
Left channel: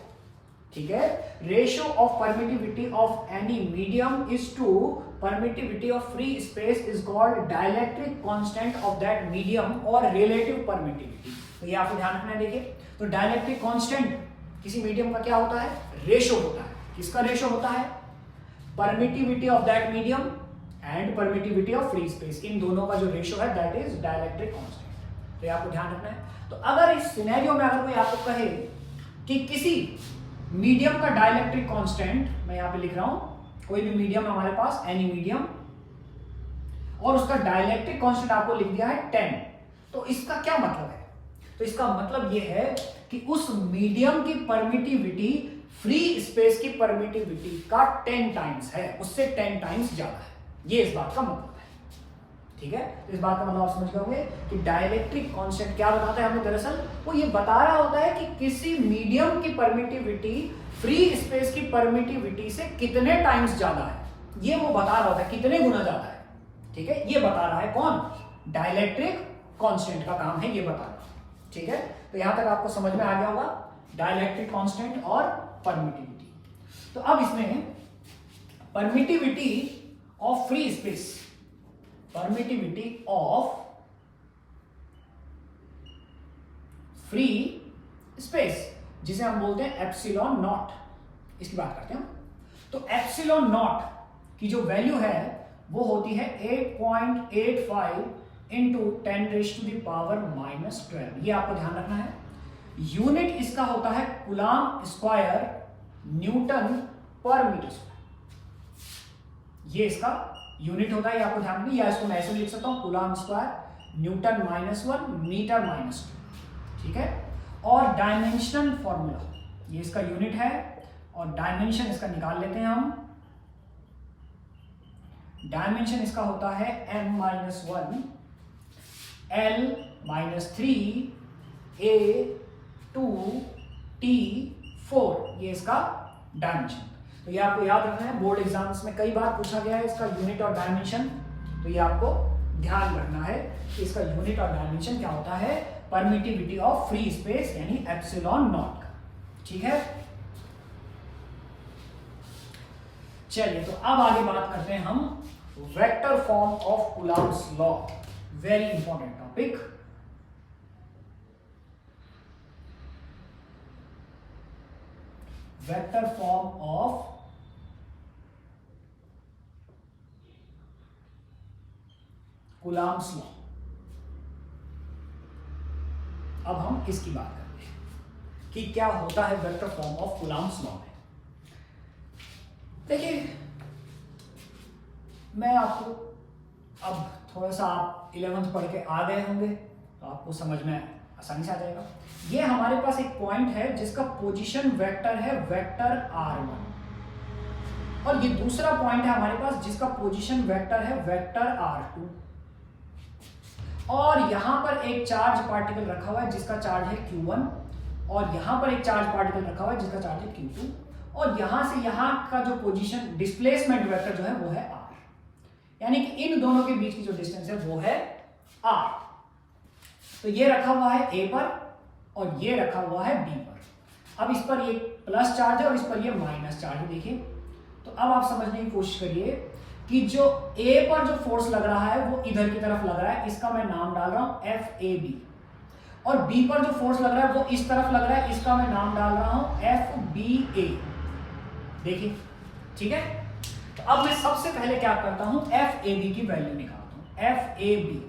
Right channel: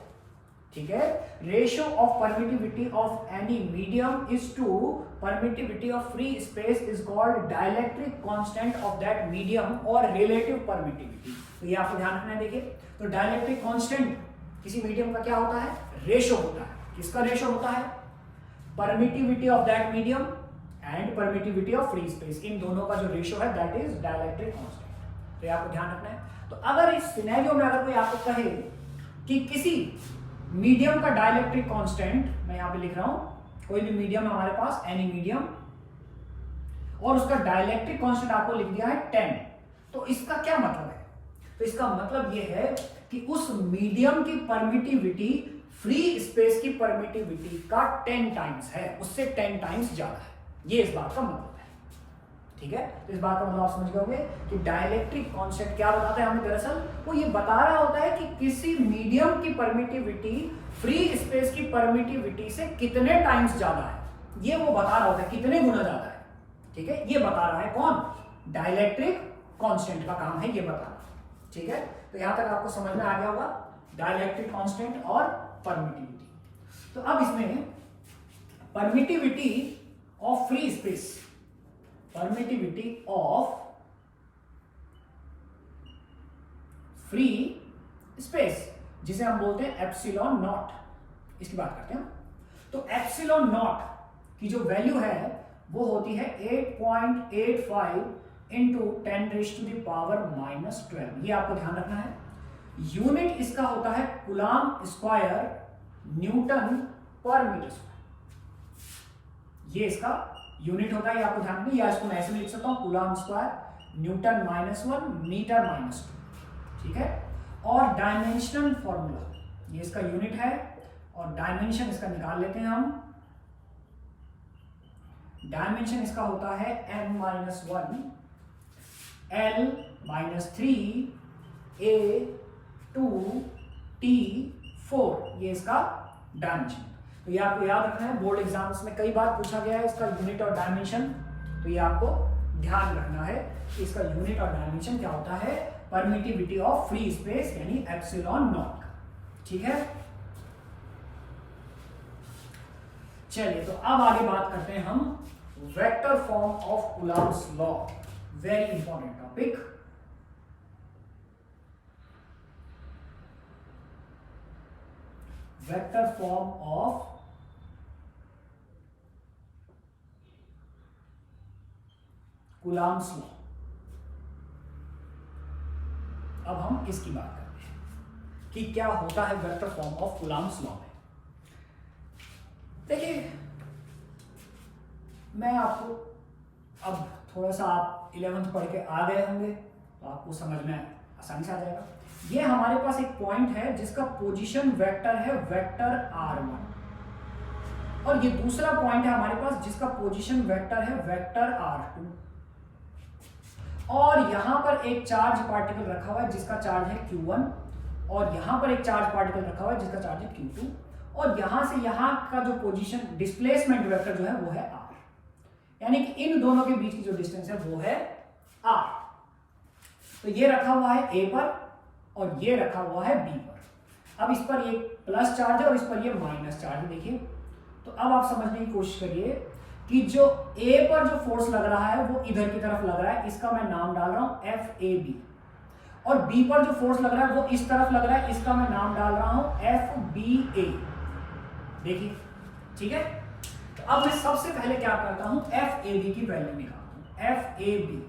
ठीक है, ratio of permittivity of any medium is to permittivity of free space is called dielectric constant of that medium और रिलेटिव परमिटिविटी। तो ये आपको ध्यान रखना है। देखिए, तो डाइलेक्ट्रिक कांस्टेंट किसी मीडियम का क्या होता है? रेशियो होता है। किसका रेशियो होता है? Permittivity of that medium and permittivity of free space, इन दोनों का जो रेशियो है दैट इज डाइलेक्ट्रिक कांस्टेंट। तो ये आपको ध्यान रखना है। तो अगर इस सिनेरियो में अगर कोई आपको कहे कि किसी मीडियम का डाइलेक्ट्रिक कांस्टेंट, मैं यहां पे लिख रहा हूं, कोई भी मीडियम हमारे पास, एनी मीडियम, और उसका डाइलेक्ट्रिक कांस्टेंट आपको लिख दिया है 10, तो इसका क्या मतलब है? तो इसका मतलब यह है कि उस मीडियम की परमिटिविटी फ्री स्पेस की परमिटिविटी का 10 टाइम्स है, उससे 10 टाइम्स ज्यादा है। ये इस बात का मतलब है। ठीक है, तो इस बात का मतलब आप समझ गए कि डाइलेक्ट्रिक कांस्टेंट क्या बताता है हमें? दरअसल वो ये बता रहा होता है कि किसी मीडियम की परमिटिविटी फ्री स्पेस की परमिटिविटी से कितने टाइम्स ज्यादा है, ये वो बता रहा होता है, कितने गुना ज्यादा है। ठीक है, ये बता रहा है कौन? डाइलेक्ट्रिक कांस्टेंट का काम है ये बताना। ठीक है, तो यहां तक आपको समझ में आ गया होगा डाइलेक्ट्रिक कांस्टेंट और परमिटिविटी। तो अब इसमें permittivity of free space, permittivity of free space, जिसे हम बोलते हैं एप्सिलॉन नॉट, इसकी बात करते हैं। तो एप्सिलॉन नॉट की जो वैल्यू है वो होती है 8.85 इंटू 10⁻⁻12। ये आपको ध्यान रखना है। यूनिट इसका होता है कूलम्ब स्क्वायर न्यूटन पर मीटर स्क्वायर। ये इसका यूनिट होता है, ये आपको ध्यान रखना है। या इसको मैं ऐसे भी लिख सकता हूं, कूलम्ब स्क्वायर न्यूटन -1 मीटर -2। ठीक है, और डायमेंशनल फॉर्मूला, ये इसका यूनिट है और डायमेंशन इसका निकाल लेते हैं हम। डायमेंशन इसका होता है m-1 L-3 A2 T4, ये इसका डायमेंशन। तो ये आपको याद रखना है, बोर्ड एग्जाम्स में कई बार पूछा गया है इसका यूनिट और डायमेंशन। तो ये आपको ध्यान रखना है कि इसका यूनिट और डायमेंशन क्या होता है? परमिटिविटी ऑफ फ्री स्पेस यानी एप्सिलॉन नॉट का। ठीक है, चलिए तो अब आगे बात करते हैं हम vector form of Coulomb's law. Very important topic. Vector form of Coulomb's law. अब हम इसकी बात करते हैं कि क्या होता है vector form of Coulomb's law में। देखिए, मैं आपको अब थोड़ा सा, आप 11th पढ़ के आ गए होंगे तो आपको समझ में आसानी से आ जाएगा। ये हमारे पास एक पॉइंट है जिसका पोजीशन वेक्टर है वेक्टर r1, और ये दूसरा पॉइंट है हमारे पास जिसका पोजीशन वेक्टर है वेक्टर r2, और यहां पर एक चार्ज पार्टिकल रखा हुआ है जिसका चार्ज है q1, और यहां पर एक चार्ज पार्टिकल रखा हुआ है जिसका चार्ज है q2, और यहां से यहां का जो पोजीशन डिस्प्लेसमेंट वेक्टर जो है वो है r, यानी कि इन दोनों के बीच की जो डिस्टेंस है वो है r। तो ये रखा हुआ है a पर और ये रखा हुआ है b पर। अब इस पर ये प्लस चार्ज है और इस पर ये माइनस चार्ज है। देखिए, तो अब आप समझने की कोशिश करिए कि जो a पर जो फोर्स लग रहा है वो इधर की तरफ लग रहा है, इसका मैं नाम डाल रहा हूं FAB, और b पर जो फोर्स लग रहा है वो इस तरफ लग रहा है, इसका मैं नाम डाल रहा हूं FBA। देखिए, ठीक है। तो अब मैं सबसे पहले क्या करता हूं, FAB की वैल्यू निकालता हूं। FAB,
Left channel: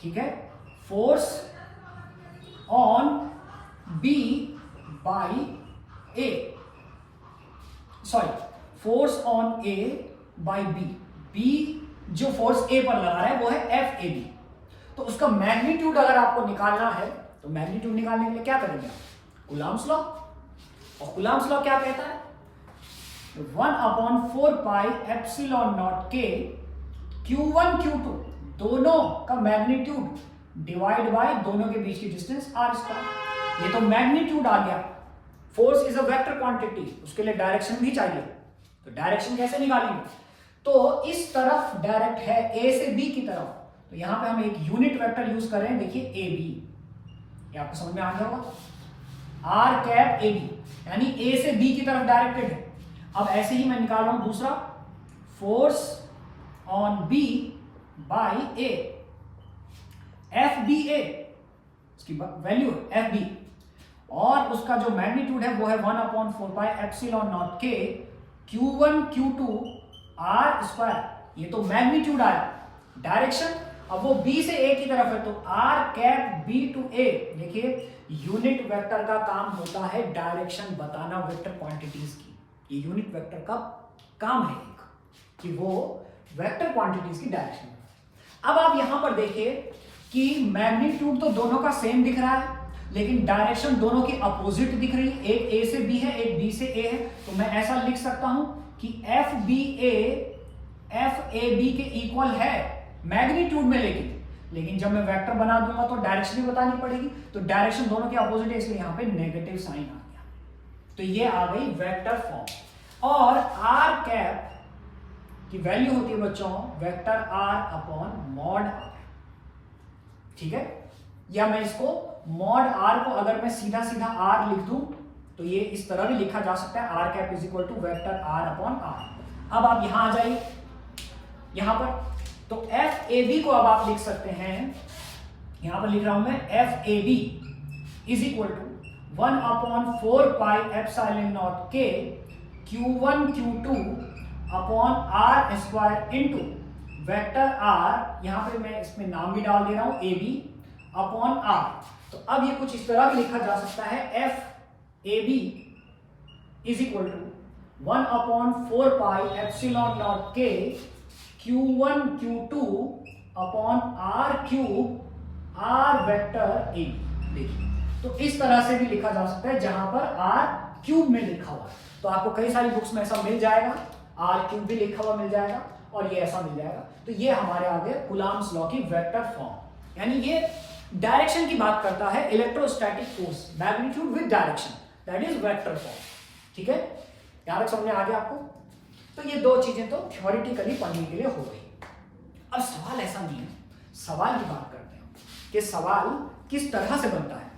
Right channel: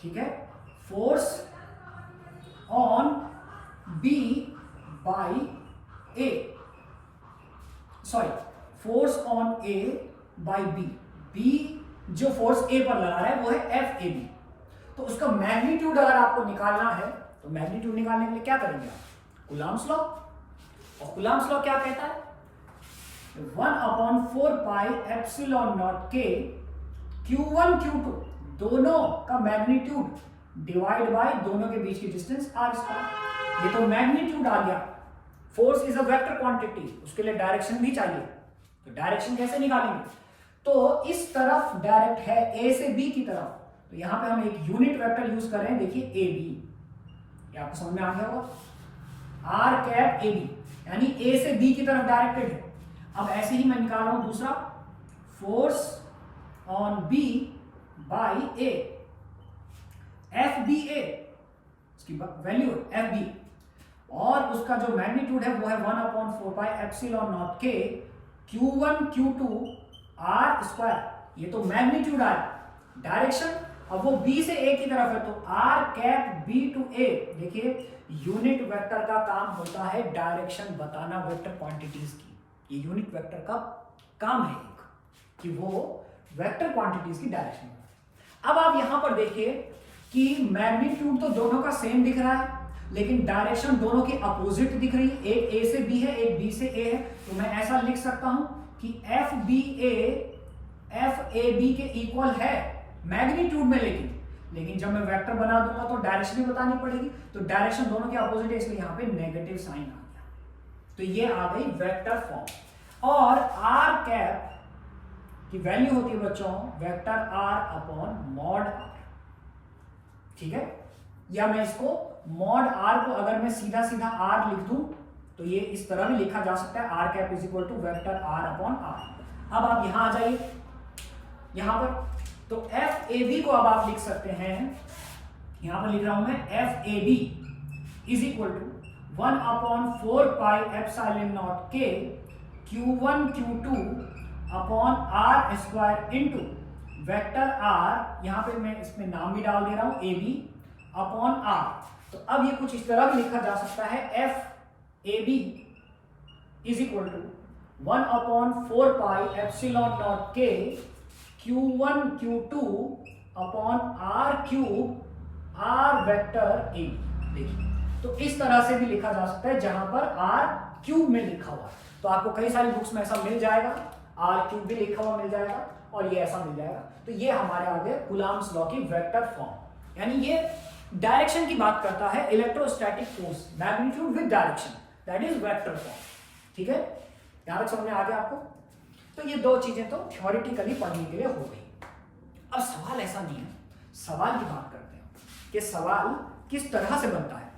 ठीक है, force on B by A, sorry, force on A by B। B जो फोर्स A पर लगा रहा है वो है FAB। तो उसका मैग्नीट्यूड अगर आपको निकालना है तो मैग्नीट्यूड निकालने के लिए क्या करेंगे आप? Coulomb's law. और कूलम्ब्स लॉ क्या कहता है? 1/4 पाई एप्सिलॉन नॉट के Q1 Q2 दोनों का मैग्नीट्यूड डिवाइड बाय दोनों के बीच की डिस्टेंस r स्क्वायर। ये तो मैग्नीट्यूड आ गया। Force is a vector quantity, उसके लिए डायरेक्शन भी चाहिए। तो डायरेक्शन कैसे निकालेंगे? तो इस तरफ डायरेक्ट है A से B की तरफ, तो यहां पे हम एक यूनिट वेक्टर यूज कर रहे हैं। देखिए AB, ये आपको समझ में आ गया होगा। आर कैप ए बी, यानी ए से बी की तरफ डायरेक्टेड है। अब ऐसे ही मैं निकाल रहा हूं दूसरा, force on B by A, F B A, इसकी वैल्यू एफ बी, और उसका जो मैग्नीट्यूड है वो है 1/4πε0 के Q1 Q2 R स्क्वायर। ये तो मैग्नीट्यूड आया, डायरेक्शन अब वो B से A की तरफ है, तो R cap B to A। देखिए यूनिट वेक्टर का काम होता है डायरेक्शन बताना वेक्टर क्वांटिटीज की, ये यूनिट वेक्टर का काम है एक, कि वो वेक्टर क्वांटिटीज की डायरेक्शन। अब आप यहां पर देखिए कि मैग्नीट्यूड तो दोनों का सेम दिख रहा है, लेकिन डायरेक्शन दोनों की अपोजिट दिख रही है, एक ए से बी है, एक बी से ए है। तो मैं ऐसा लिख सकता हूं कि एफ बी ए बी के इक्वल है मैग्नीट्यूड में, लेकिन जब मैं वेक्टर बना दूंगा तो डायरेक्शन भी बतानी पड़ेगी, तो डायरेक्शन दोनों की अपोजिट है, इसलिए यहां पे नेगेटिव साइन आ गया। तो ये आ गई वेक्टर फॉर्म। और आर कैप की वैल्यू होती है बच्चों vector R upon mod R, ठीक है। या मैं इसको मॉड आर को अगर मैं सीधा सीधा आर लिख दूं तो ये इस तरह भी लिखा जा सकता है, R cap is equal to vector R upon R. अब आप यहां आ जाइए, यहां पर तो एफ ए बी को अब आप लिख सकते हैं, यहां पर लिख रहा हूं मैं F A B is equal to 1/4πε0 के Q1 Q2 upon R square into vector R, यहां पे मैं इसमें नाम भी डाल दे रहा हूं ए बी अपॉन आर। तो अब ये कुछ इस तरह भी लिखा जा सकता है, F A B is equal to 1/4πε0 के Q1 Q2 upon R cube R vector A B. देखिए तो इस तरह से भी लिखा जा सकता है, जहां पर आर क्यूब में लिखा हुआ है। तो आपको कई सारी बुक्स में ऐसा मिल जाएगा, आर क्यूब भी लिखा हुआ मिल जाएगा और ये ऐसा मिल जाएगा। तो ये हमारे आगे कूलम्ब्स लॉ की वेक्टर फॉर्म, यानी ये डायरेक्शन की बात करता है, electrostatic force magnitude with direction, that is vector form. ठीक है, यहां तक समझ में आ गया आपको? तो ये दो चीजें तो थ्योरेटिकली पढ़ने के लिए हो गई। अब सवाल ऐसा नहीं है, सवाल की बात करते हैं कि सवाल किस तरह से बनता है।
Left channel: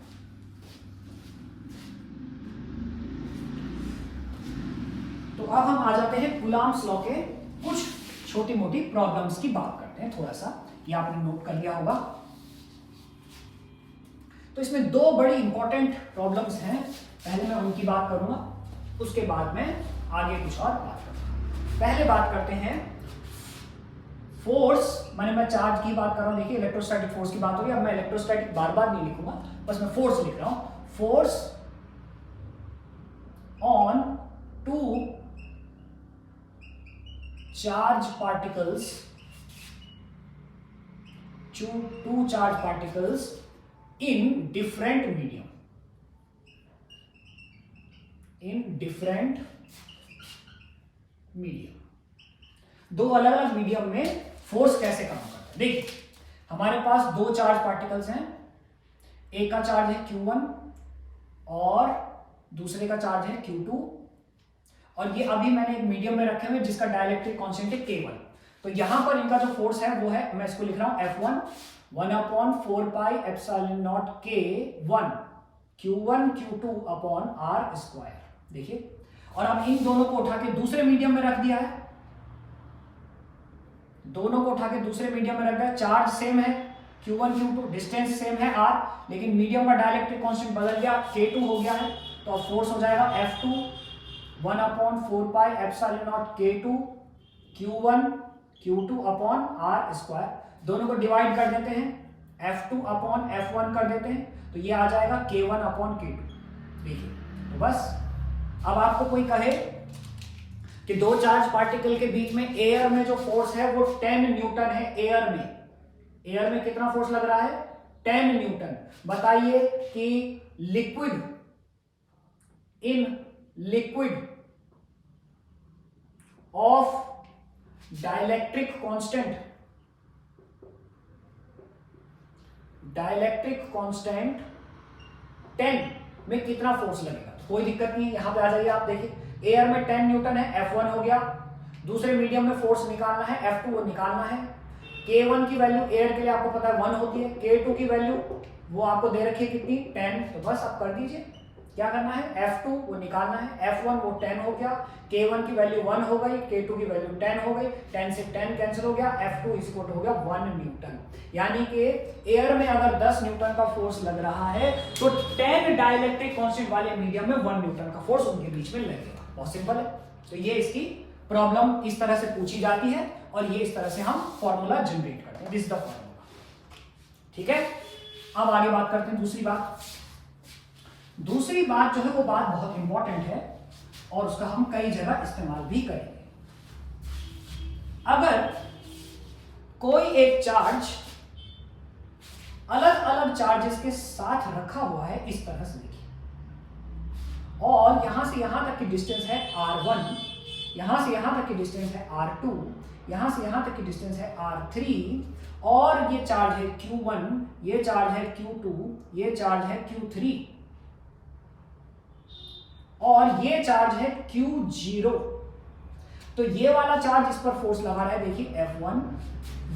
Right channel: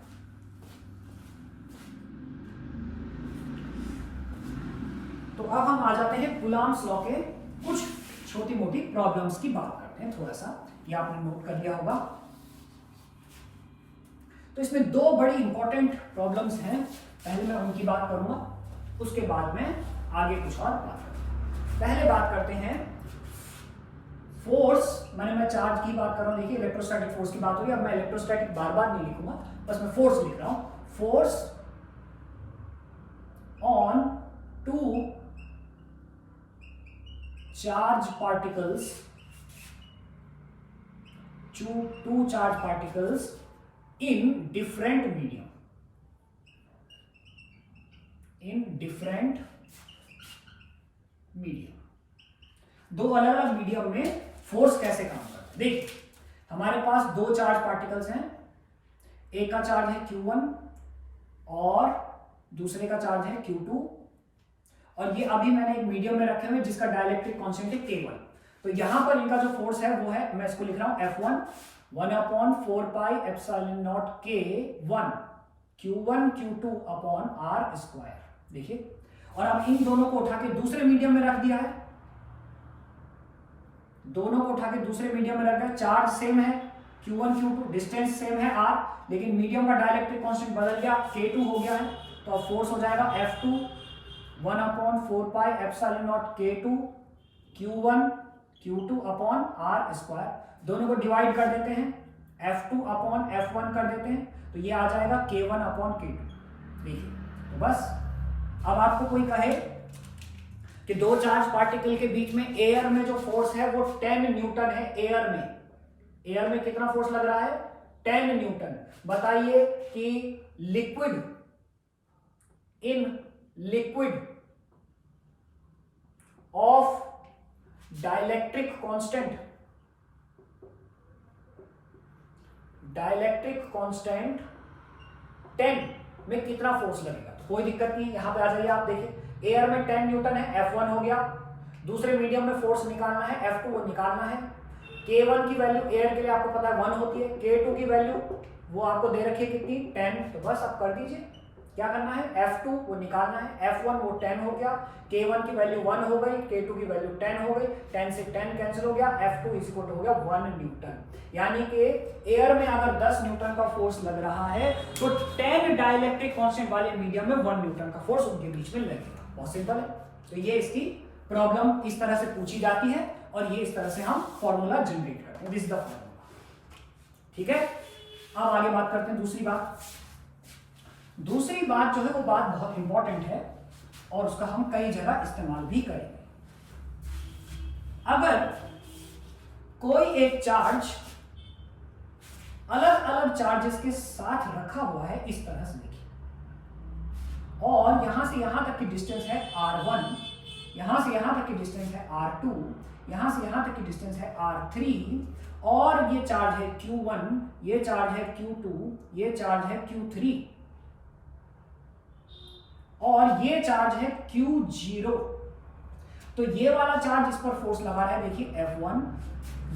तो अब हम आ जाते हैं कूलम्ब्स लॉ के कुछ छोटी मोटी प्रॉब्लम्स की बात करते हैं। थोड़ा सा ये आपने नोट कर लिया होगा। तो इसमें दो बड़ी इंपॉर्टेंट प्रॉब्लम्स हैं, पहले मैं उनकी बात करूंगा, उसके बाद में आगे कुछ और बात करूंगा। पहले बात करते हैं फोर्स, मैं चार्ज की बात कर रहा हूं। देखिए इलेक्ट्रोस्टैटिक फोर्स की बात हो रही है। अब मैं इलेक्ट्रोस्टैटिक बार बार नहीं लिखूंगा, बस मैं फोर्स लिख रहा हूं। Force on two charge particles, two charge particles in different medium, दो अलग अलग मीडियम में फोर्स कैसे काम करता है। देखिए हमारे पास दो चार्ज पार्टिकल्स हैं, एक का चार्ज है Q1 और दूसरे का चार्ज है Q2, और ये अभी मैंने एक मीडियम में रखे हुए जिसका डाइलेक्ट्रिक कांस्टेंट है K1। तो यहां पर इनका जो फोर्स है वो है, मैं इसको लिख रहा हूं F1 1/4πε0 K1 Q1 Q2 upon R square. देखिए, और अब इन दोनों को उठा के दूसरे मीडियम में रख दिया है, दोनों को उठा के दूसरे मीडियम में रख दिया। चार्ज सेम है Q1 Q2, डिस्टेंस सेम है R, लेकिन मीडियम का डाइलेक्ट्रिक कांस्टेंट बदल गया, K2 हो गया है। तो अब फोर्स हो जाएगा F2 1/4πε0 K2 Q1 Q2 upon R square. दोनों को डिवाइड कर देते हैं, F2 अपॉन F1 कर देते हैं, तो ये आ जाएगा K1 अपॉन K2। देखिए तो बस, अब आपको कोई कहे कि दो चार्ज पार्टिकल के बीच में एयर में जो फोर्स है वो 10 न्यूटन है। एयर में कितना फोर्स लग रहा है? 10 न्यूटन। बताइए कि in liquid of dielectric constant 10 में कितना फोर्स लगेगा। तो कोई दिक्कत नहीं है, यहां पे आ जाइए आप। देखिए एयर में 10 न्यूटन है, F1 हो गया। दूसरे मीडियम में फोर्स निकालना है, F2 वो निकालना है। K1 की वैल्यू एयर के लिए आपको पता है 1 होती है, K2 की वैल्यू वो आपको दे रखी है कितनी? 10। तो बस आप कर दीजिए, क्या करना है, F2 वो निकालना है, F1 वो 10 हो गया, K1 की वैल्यू 1 हो गई, K2 की वैल्यू 10 हो गई, 10 से 10 कैंसिल हो गया, F2 इज इक्वल टू हो गया 1 न्यूटन। यानी कि एयर में अगर 10 न्यूटन का फोर्स लग रहा है तो 10 डाइलेक्ट्रिक कांस्टेंट वाले मीडियम में 1 न्यूटन का फोर्स उनके बीच में लगेगा। बहुत सिंपल है। तो ये इसकी प्रॉब्लम इस तरह से पूछी जाती है और ये इस तरह से हम फॉर्मूला जनरेट करते हैं। This the formula. ठीक है, अब आगे बात करते हैं दूसरी बात। दूसरी बात जो है वो बात बहुत इंपॉर्टेंट है और उसका हम कई जगह इस्तेमाल भी करेंगे। अगर कोई एक चार्ज अलग अलग चार्जेस के साथ रखा हुआ है इस तरह से देखिए, और यहां से यहां तक की डिस्टेंस है R1, यहां से यहां तक की डिस्टेंस है R2, यहां से यहां तक की डिस्टेंस है R3, और ये चार्ज है Q1, ये चार्ज है Q2, ये चार्ज है Q3 और ये चार्ज है Q0। तो ये वाला चार्ज इस पर फोर्स लगा रहा है देखिए F1,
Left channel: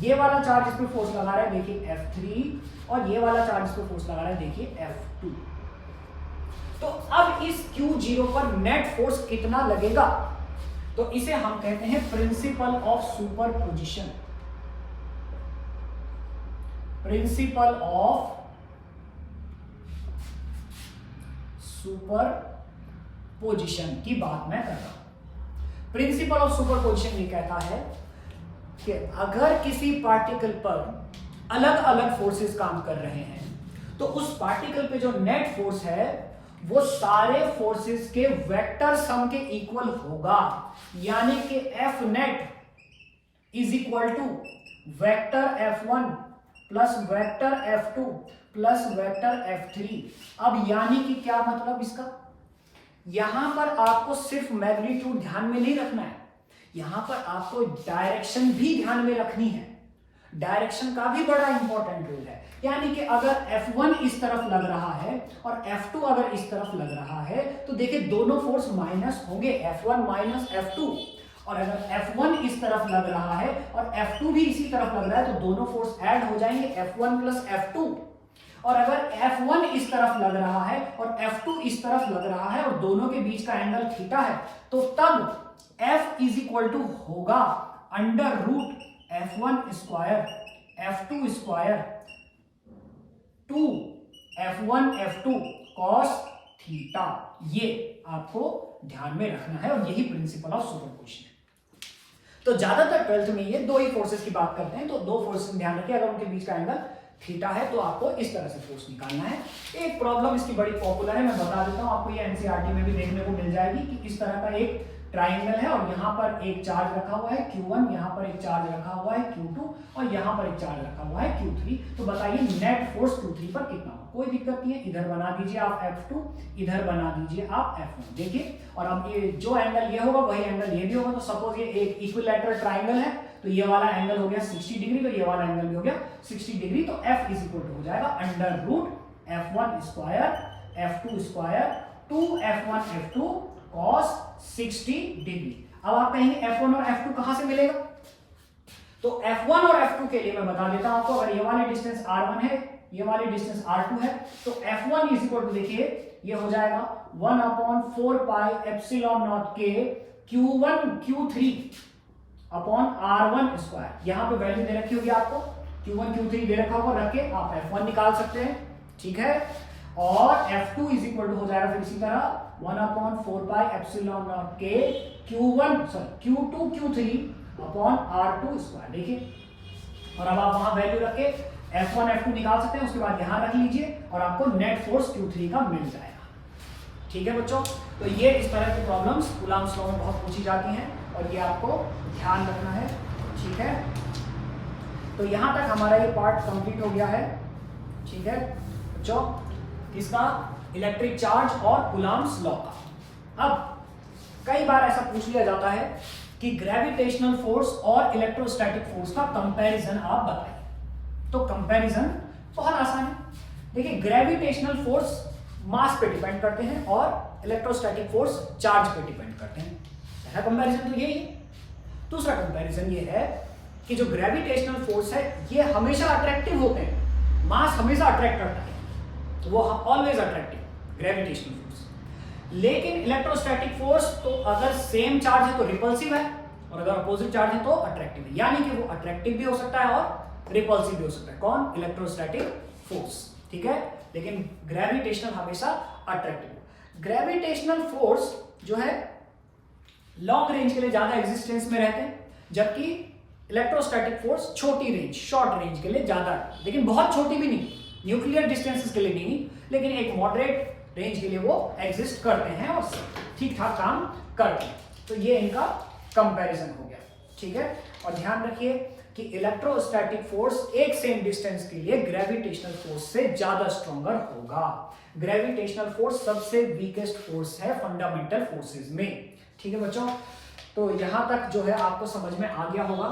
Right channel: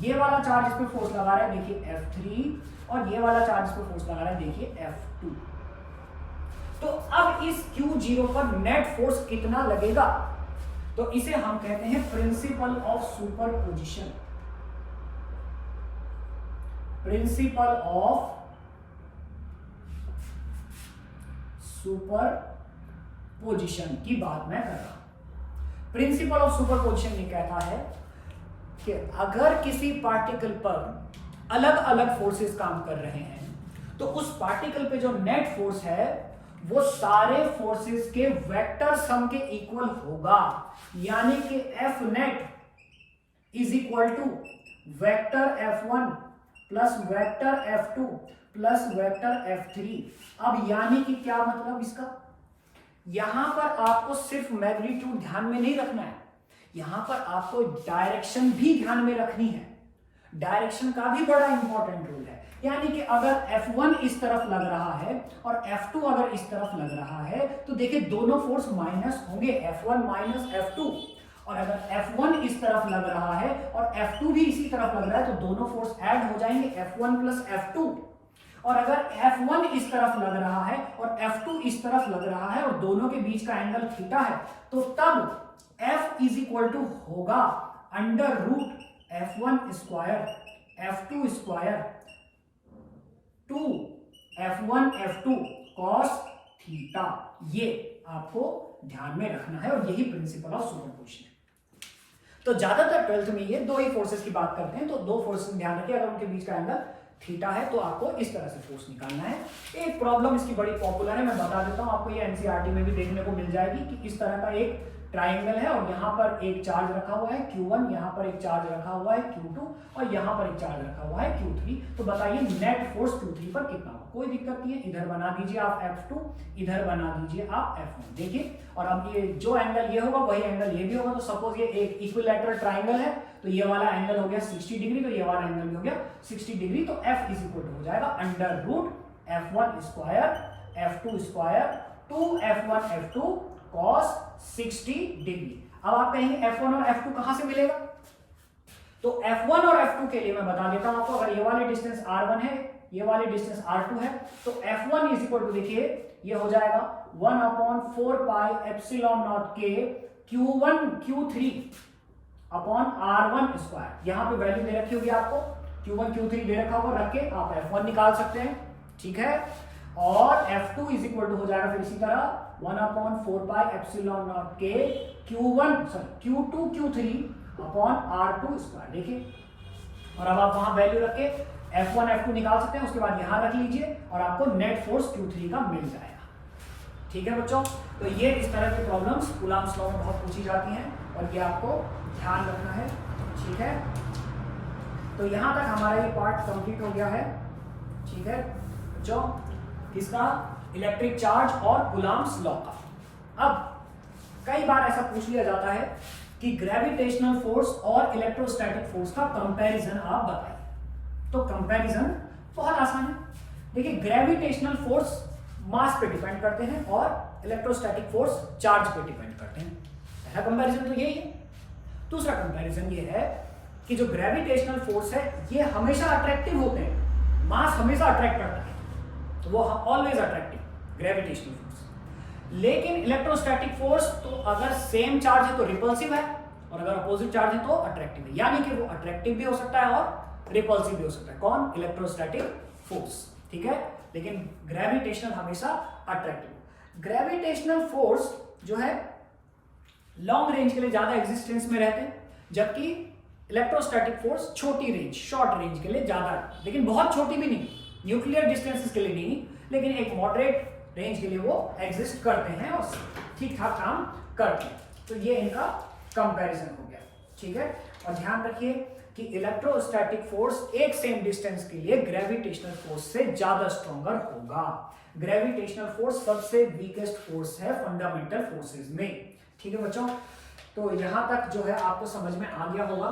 ये वाला चार्ज इस पर फोर्स लगा रहा है देखिए F3, और ये वाला चार्ज इस पर फोर्स लगा रहा है देखिए F2। तो अब इस Q0 पर नेट फोर्स कितना लगेगा, तो इसे हम कहते हैं principle of superposition. Principle of superposition की बात मैं कर रहा हूं। प्रिंसिपल ऑफ सुपरपोजिशन ये कहता है कि अगर किसी पार्टिकल पर अलग अलग फोर्सेस काम कर रहे हैं तो उस पार्टिकल पे जो नेट फोर्स है वो सारे फोर्सेस के वेक्टर सम के इक्वल होगा। यानी कि F net is equal to vector F1 plus vector F2 plus vector F3। अब यानी कि क्या मतलब इसका, यहां पर आपको सिर्फ मैग्नीट्यूड ध्यान में नहीं रखना है, यहां पर आपको डायरेक्शन भी ध्यान में रखनी है। डायरेक्शन का भी बड़ा इंपॉर्टेंट रोल है। यानी कि अगर F1 इस तरफ लग रहा है और F2 अगर इस तरफ लग रहा है तो देखिए दोनों फोर्स माइनस होंगे, F1 माइनस F2। और अगर F1 इस तरफ लग रहा है और F2 भी इसी तरफ लग रहा है तो दोनों फोर्स ऐड हो जाएंगे, F1 प्लस F2। और अगर F1 इस तरफ लग रहा है और F2 इस तरफ लग रहा है और दोनों के बीच का एंगल थीटा है तो तब F इज इक्वल टू होगा under root F1 square F2 square 2 F1 F2 cos theta. ये आपको ध्यान में रखना है और यही प्रिंसिपल ऑफ सुपरपोजिशन है। तो ज्यादातर 12th में ये दो ही फोर्सेस की बात करते हैं, तो दो फोर्सेस में ध्यान रखिए, अगर उनके बीच का एंगल थीटा है तो आपको इस तरह से फोर्स निकालना है। एक प्रॉब्लम इसकी बड़ी पॉपुलर है, मैं बता देता हूं आपको, ये एनसीईआरटी में भी देखने को मिल जाएगी कि इस तरह का एक ट्राइंगल है और यहाँ पर एक चार्ज रखा हुआ है Q1, यहाँ पर एक चार्ज रखा हुआ है Q2 और यहाँ पर एक चार्ज रखा हुआ है Q3। तो बताइए नेट फोर्स Q3 पर कितना होगा। कोई दिक्कत नहीं है, इधर बना दीजिए आप F2, इधर बना दीजिए आप F1। देखिए, और अब ये जो एंगल ये होगा वही एंगल ये भी होगा। तो सपोज ये एक इक्विलैटरल ट्राइंगल है तो ये वाला एंगल हो गया 60 डिग्री, तो ये वाला एंगल भी हो गया 60 डिग्री। तो F इज इक्वल टू हो जाएगा under root F1 square F2 square 2F1 F2 cos 60 degree. अब आप कहेंगे F1 और F2 कहां से मिलेगा, तो F1 और F2 के लिए मैं बता देता हूं आपको। अगर ये वाले डिस्टेंस R1 है, ये वाले डिस्टेंस R2 है, तो F1 इज इक्वल टू देखिए ये हो जाएगा 1/4 पाई एप्सिलॉन नॉट के Q1 Q3 upon R1 square. यहां पे वैल्यू दे रखी होगी आपको, Q1 Q3 दे रखा होगा, रख के आप F1 निकाल सकते हैं। ठीक है, और F2 इज इक्वल टू हो जाएगा फिर इसी तरह 1/4 पाई एप्सिलॉन नॉट के Q2 Q3 upon R2 square. देखिए, और अब आप वहां वैल्यू रख के F1 F2 निकाल सकते हैं, उसके बाद यहां रख लीजिए और आपको नेट फोर्स Q3 का मिल जाएगा। ठीक है बच्चों, तो ये इस तरह की प्रॉब्लम्स कूलॉम्स लॉ में बहुत पूछी जाती हैं और ये आपको ध्यान रखना है। ठीक है, तो यहां तक हमारा ये पार्ट कंप्लीट हो गया है। ठीक है बच्चों, इसका इलेक्ट्रिक चार्ज और कूलॉम्स लॉ का। अब कई बार ऐसा पूछ लिया जाता है कि ग्रेविटेशनल फोर्स और इलेक्ट्रोस्टैटिक फोर्स का कंपैरिजन आप बताइए। तो कंपैरिजन बहुत आसान है। देखिए, ग्रेविटेशनल फोर्स मास पे डिपेंड करते हैं और इलेक्ट्रोस्टैटिक फोर्स चार्ज पे डिपेंड करते हैं। पहला कंपैरिजन तो यही है। दूसरा कंपैरिजन ये है कि जो ग्रेविटेशनल फोर्स है ये हमेशा अट्रैक्टिव होते हैं, मास हमेशा अट्रैक्ट करता है, वो ऑलवेज अट्रैक्टिव। Gravitational force. लेकिन इलेक्ट्रोस्टैटिक फोर्स तो अगर सेम चार्ज है तो रिपल्सिव है, और अगर अपोजिट चार्ज है तो अट्रैक्टिव है, यानी कि वो अट्रैक्टिव भी हो सकता है और रिपल्सिव भी हो सकता है। कौन? इलेक्ट्रोस्टैटिक फोर्स, ठीक है। लेकिन ग्रेविटेशनल हमेशा अट्रैक्टिव। ग्रेविटेशनल फोर्स जो है लॉन्ग रेंज के लिए ज्यादा एग्जिस्टेंस में रहते हैं, जबकि इलेक्ट्रोस्टैटिक फोर्स छोटी रेंज, शॉर्ट रेंज के लिए ज्यादा, लेकिन बहुत छोटी भी नहीं, न्यूक्लियर डिस्टेंसेस के लिए नहीं, लेकिन एक मॉडरेट रेंज के लिए वो एग्जिस्ट करते हैं और ठीक ठाक काम करते हैं। तो ये इनका कंपैरिजन हो गया, ठीक है। और ध्यान रखिए कि इलेक्ट्रोस्टैटिक फोर्स एक सेम डिस्टेंस के लिए ग्रेविटेशनल फोर्स से ज्यादा स्ट्रॉन्गर होगा। ग्रेविटेशनल फोर्स सबसे वीकेस्ट फोर्स है फंडामेंटल फोर्सेस में, ठीक है बच्चों। तो यहां तक जो है आपको समझ में आ गया होगा।